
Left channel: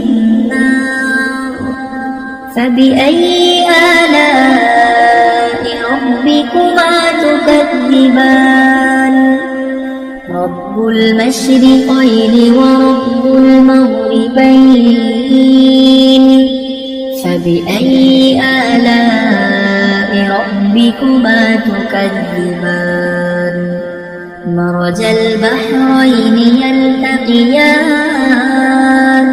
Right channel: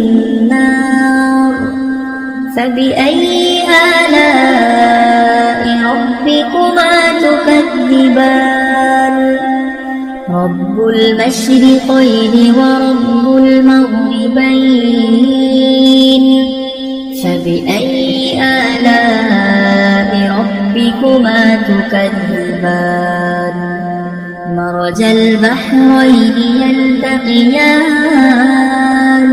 نار فبأي آلاء ربكما تكذبان رب المشرقين ورب المغربين فبأي آلاء ربكما تكذبان مرج البحرين يلتقيان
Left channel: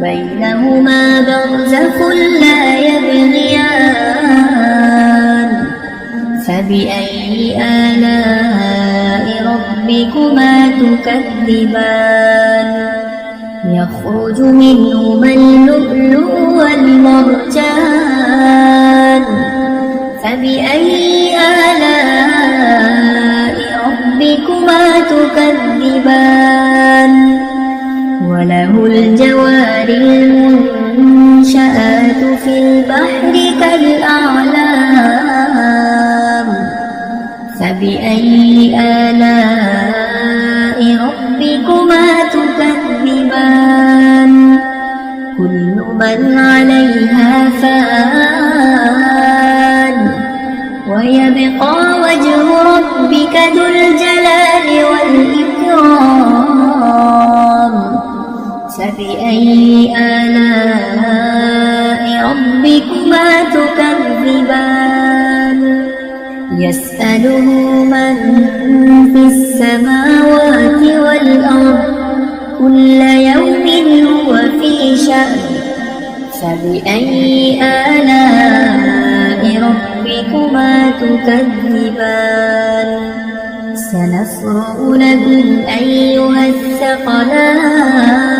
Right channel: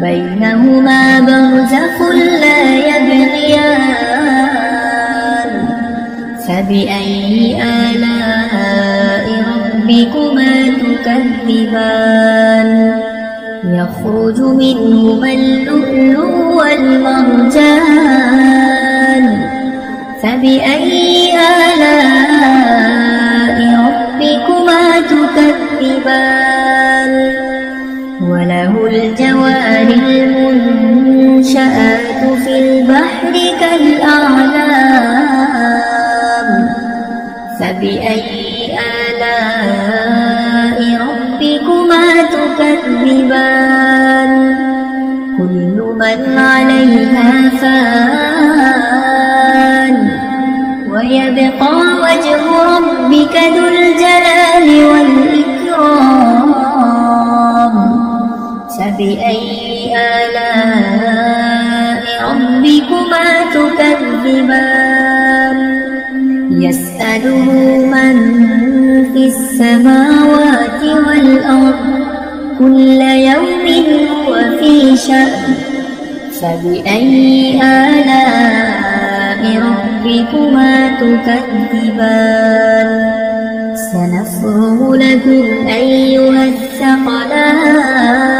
بينهما برزخ لا يبغيان فبأي آلاء ربكما تكذبان يخرج منهما اللؤلؤ والمرجان فبأي آلاء ربكما تكذبان وله الجوار المنشآت في البحر كالأعلام فبأي آلاء ربكما تكذبان كل من عليها فان ويبقى وجه ربك ذو الجلال والإكرام فبأي آلاء ربكما تكذبان يسأله من في السماوات والأرض كل يوم هو في شأن فبأي آلاء ربكما تكذبان سنفرغ لكم أيها الثقلان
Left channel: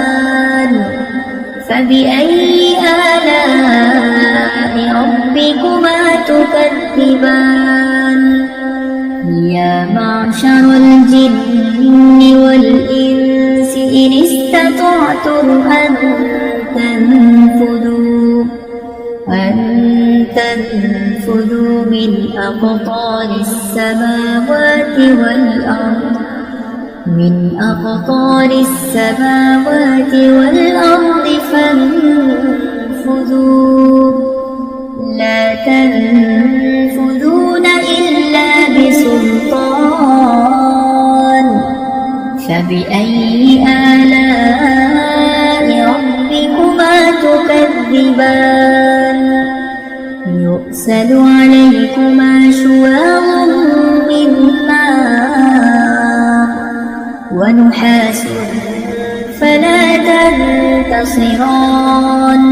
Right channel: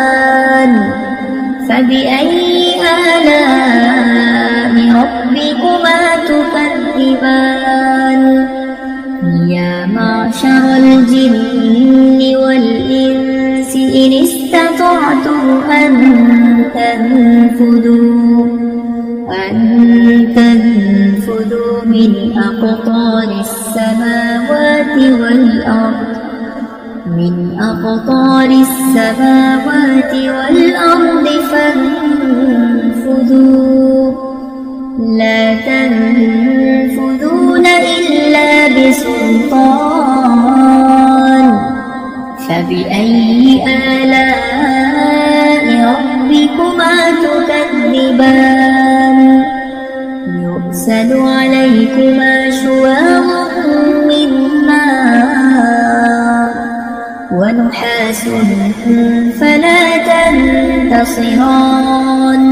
فبأي آلاء ربكما تكذبان يا معشر الجن والإنس إن استطعتم أن تنفذوا من أقطار السماوات والأرض فانفذوا لا تنفذون إلا بسلطان فبأي آلاء ربكما تكذبان يرسل عليكما شواظ من نار ونحاس فلا تنتصران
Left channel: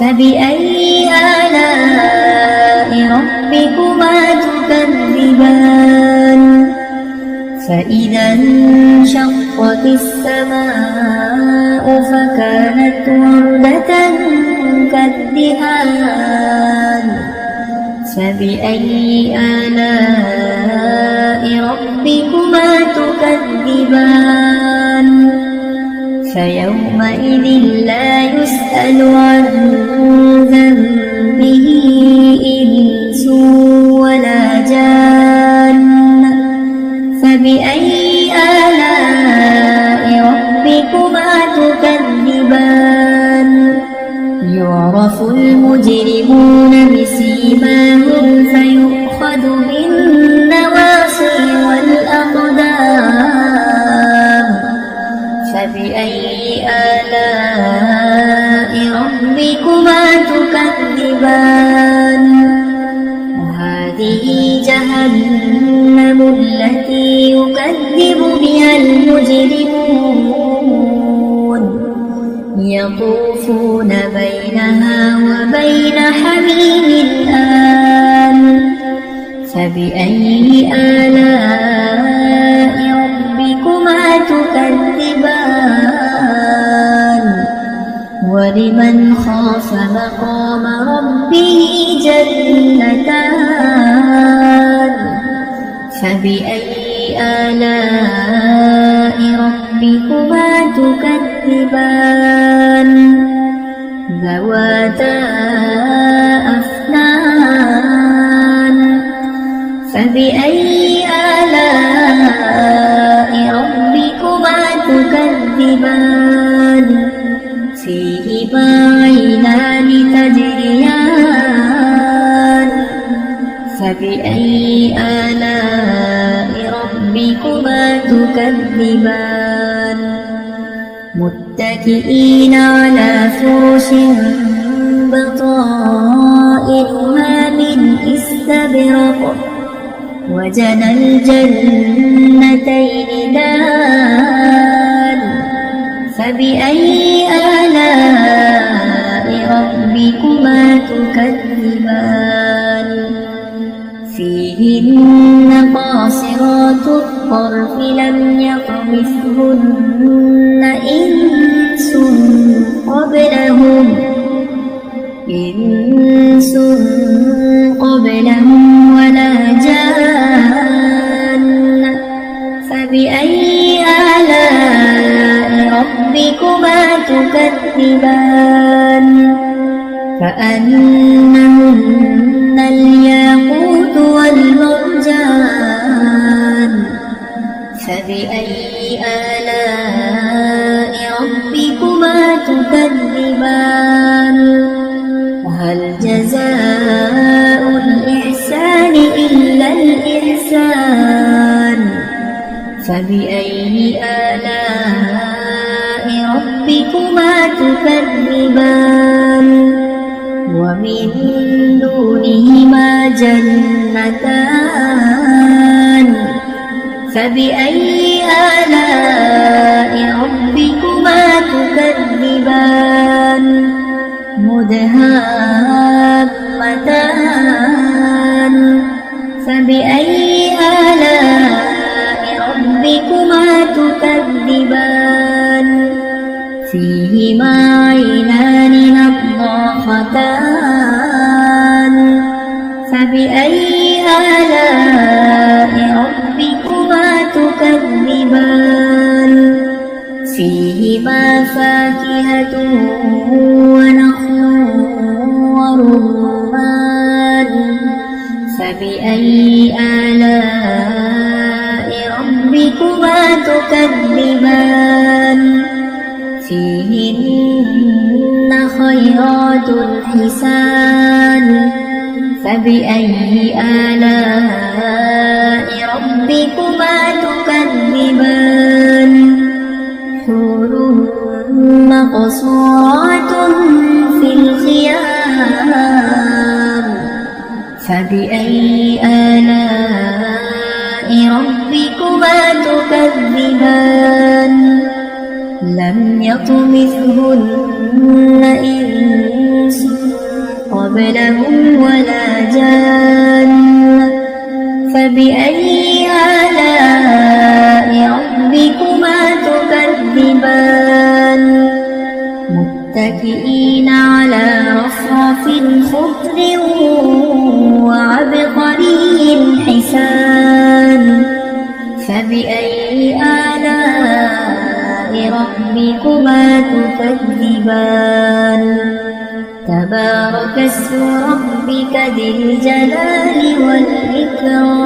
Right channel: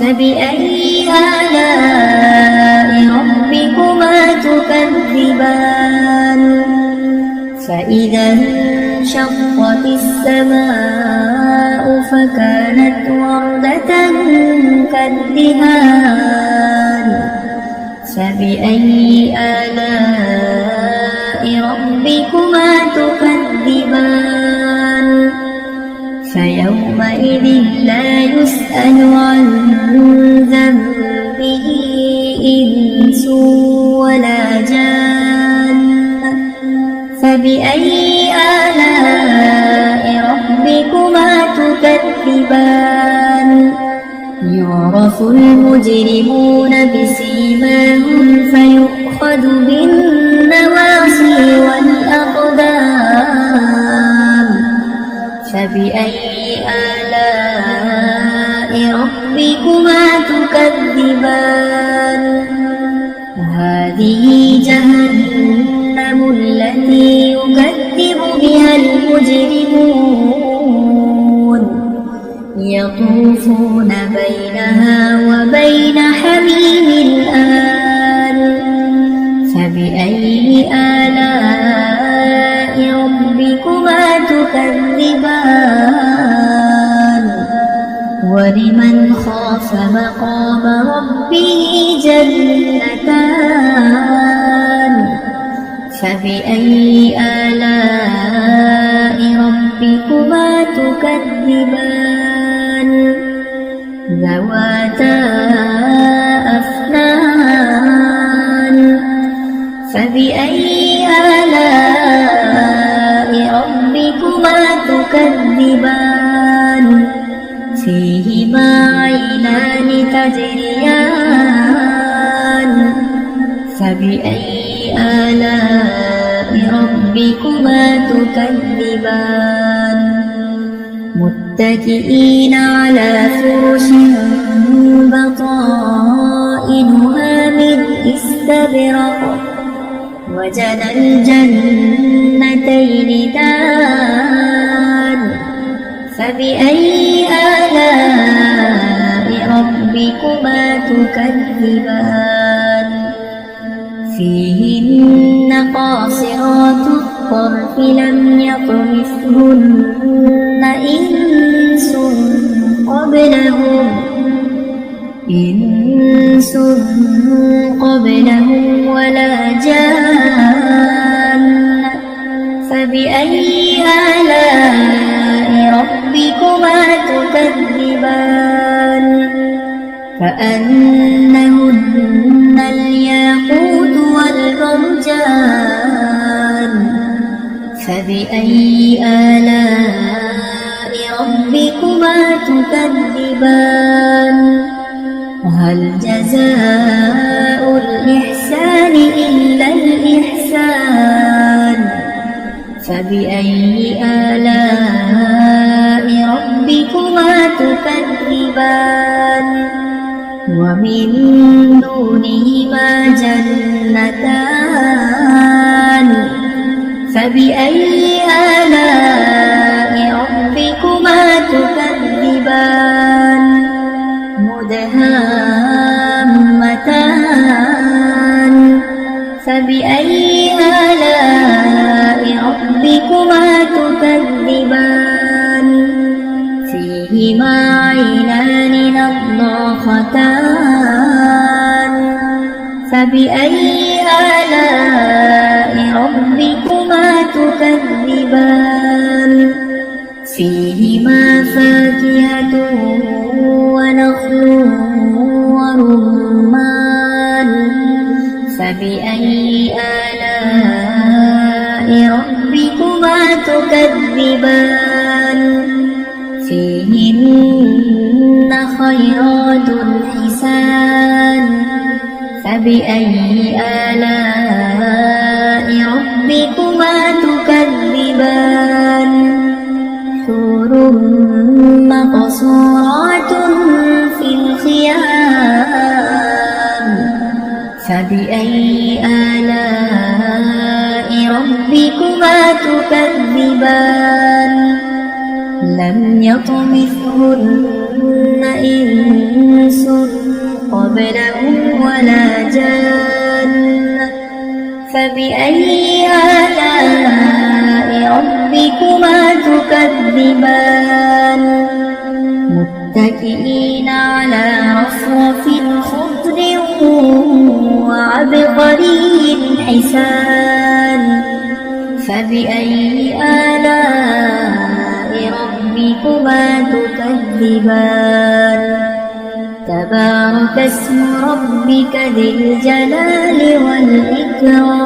فبأي آلاء ربكما تكذبان فإذا انشقت السماء فكانت وردة كالدهان فبأي آلاء ربكما تكذبان فيومئذ لا يسأل عن ذنبه إنس ولا جان فبأي آلاء ربكما تكذبان يعرف المجرمون بسيماهم فيؤخذ بالنواصي والأقدام فبأي آلاء ربكما تكذبان وهذه جهنم التي يكذب بها المجرمون يطوفون بينها وبين حميم آن فبأي آلاء ربكما تكذبان ولمن خاف مقام ربه جنتان فبأي آلاء ربكما تكذبان ذواتا أفنان فبأي آلاء ربكما تكذبان فيهما عينان تجريان فبأي آلاء ربكما تكذبان متكئين على فرش بطائنها من استبرق وجنى الجنتين دان فبأي آلاء ربكما تكذبان فيهن قاصرات الطرف لم يطمثهن إنس قبلهم ولا جان فبأي آلاء ربكما تكذبان كأنهن الياقوت والمرجان فبأي آلاء ربكما تكذبان وهل جزاء الإحسان إلا الإحسان فبأي آلاء ربكما تكذبان ومن دونهما جنتان فبأي آلاء ربكما تكذبان مدهامتان فبأي آلاء ربكما تكذبان فيهما عينان نضاختان فبأي آلاء ربكما تكذبان فيهما فاكهة ونخل ورمان فبأي آلاء ربكما تكذبان فيهن خيرات حسان فبأي آلاء ربكما تكذبان حور مقصورات في الخيام فبأي آلاء ربكما تكذبان لم يطمثهن إنس قبلهم ولا جان فبأي آلاء ربكما تكذبان متكئين على رفرف خضر وعبقري حسان فبأي آلاء ربكما تكذبان تبارك اسم ربك ذي الجلال والإكرام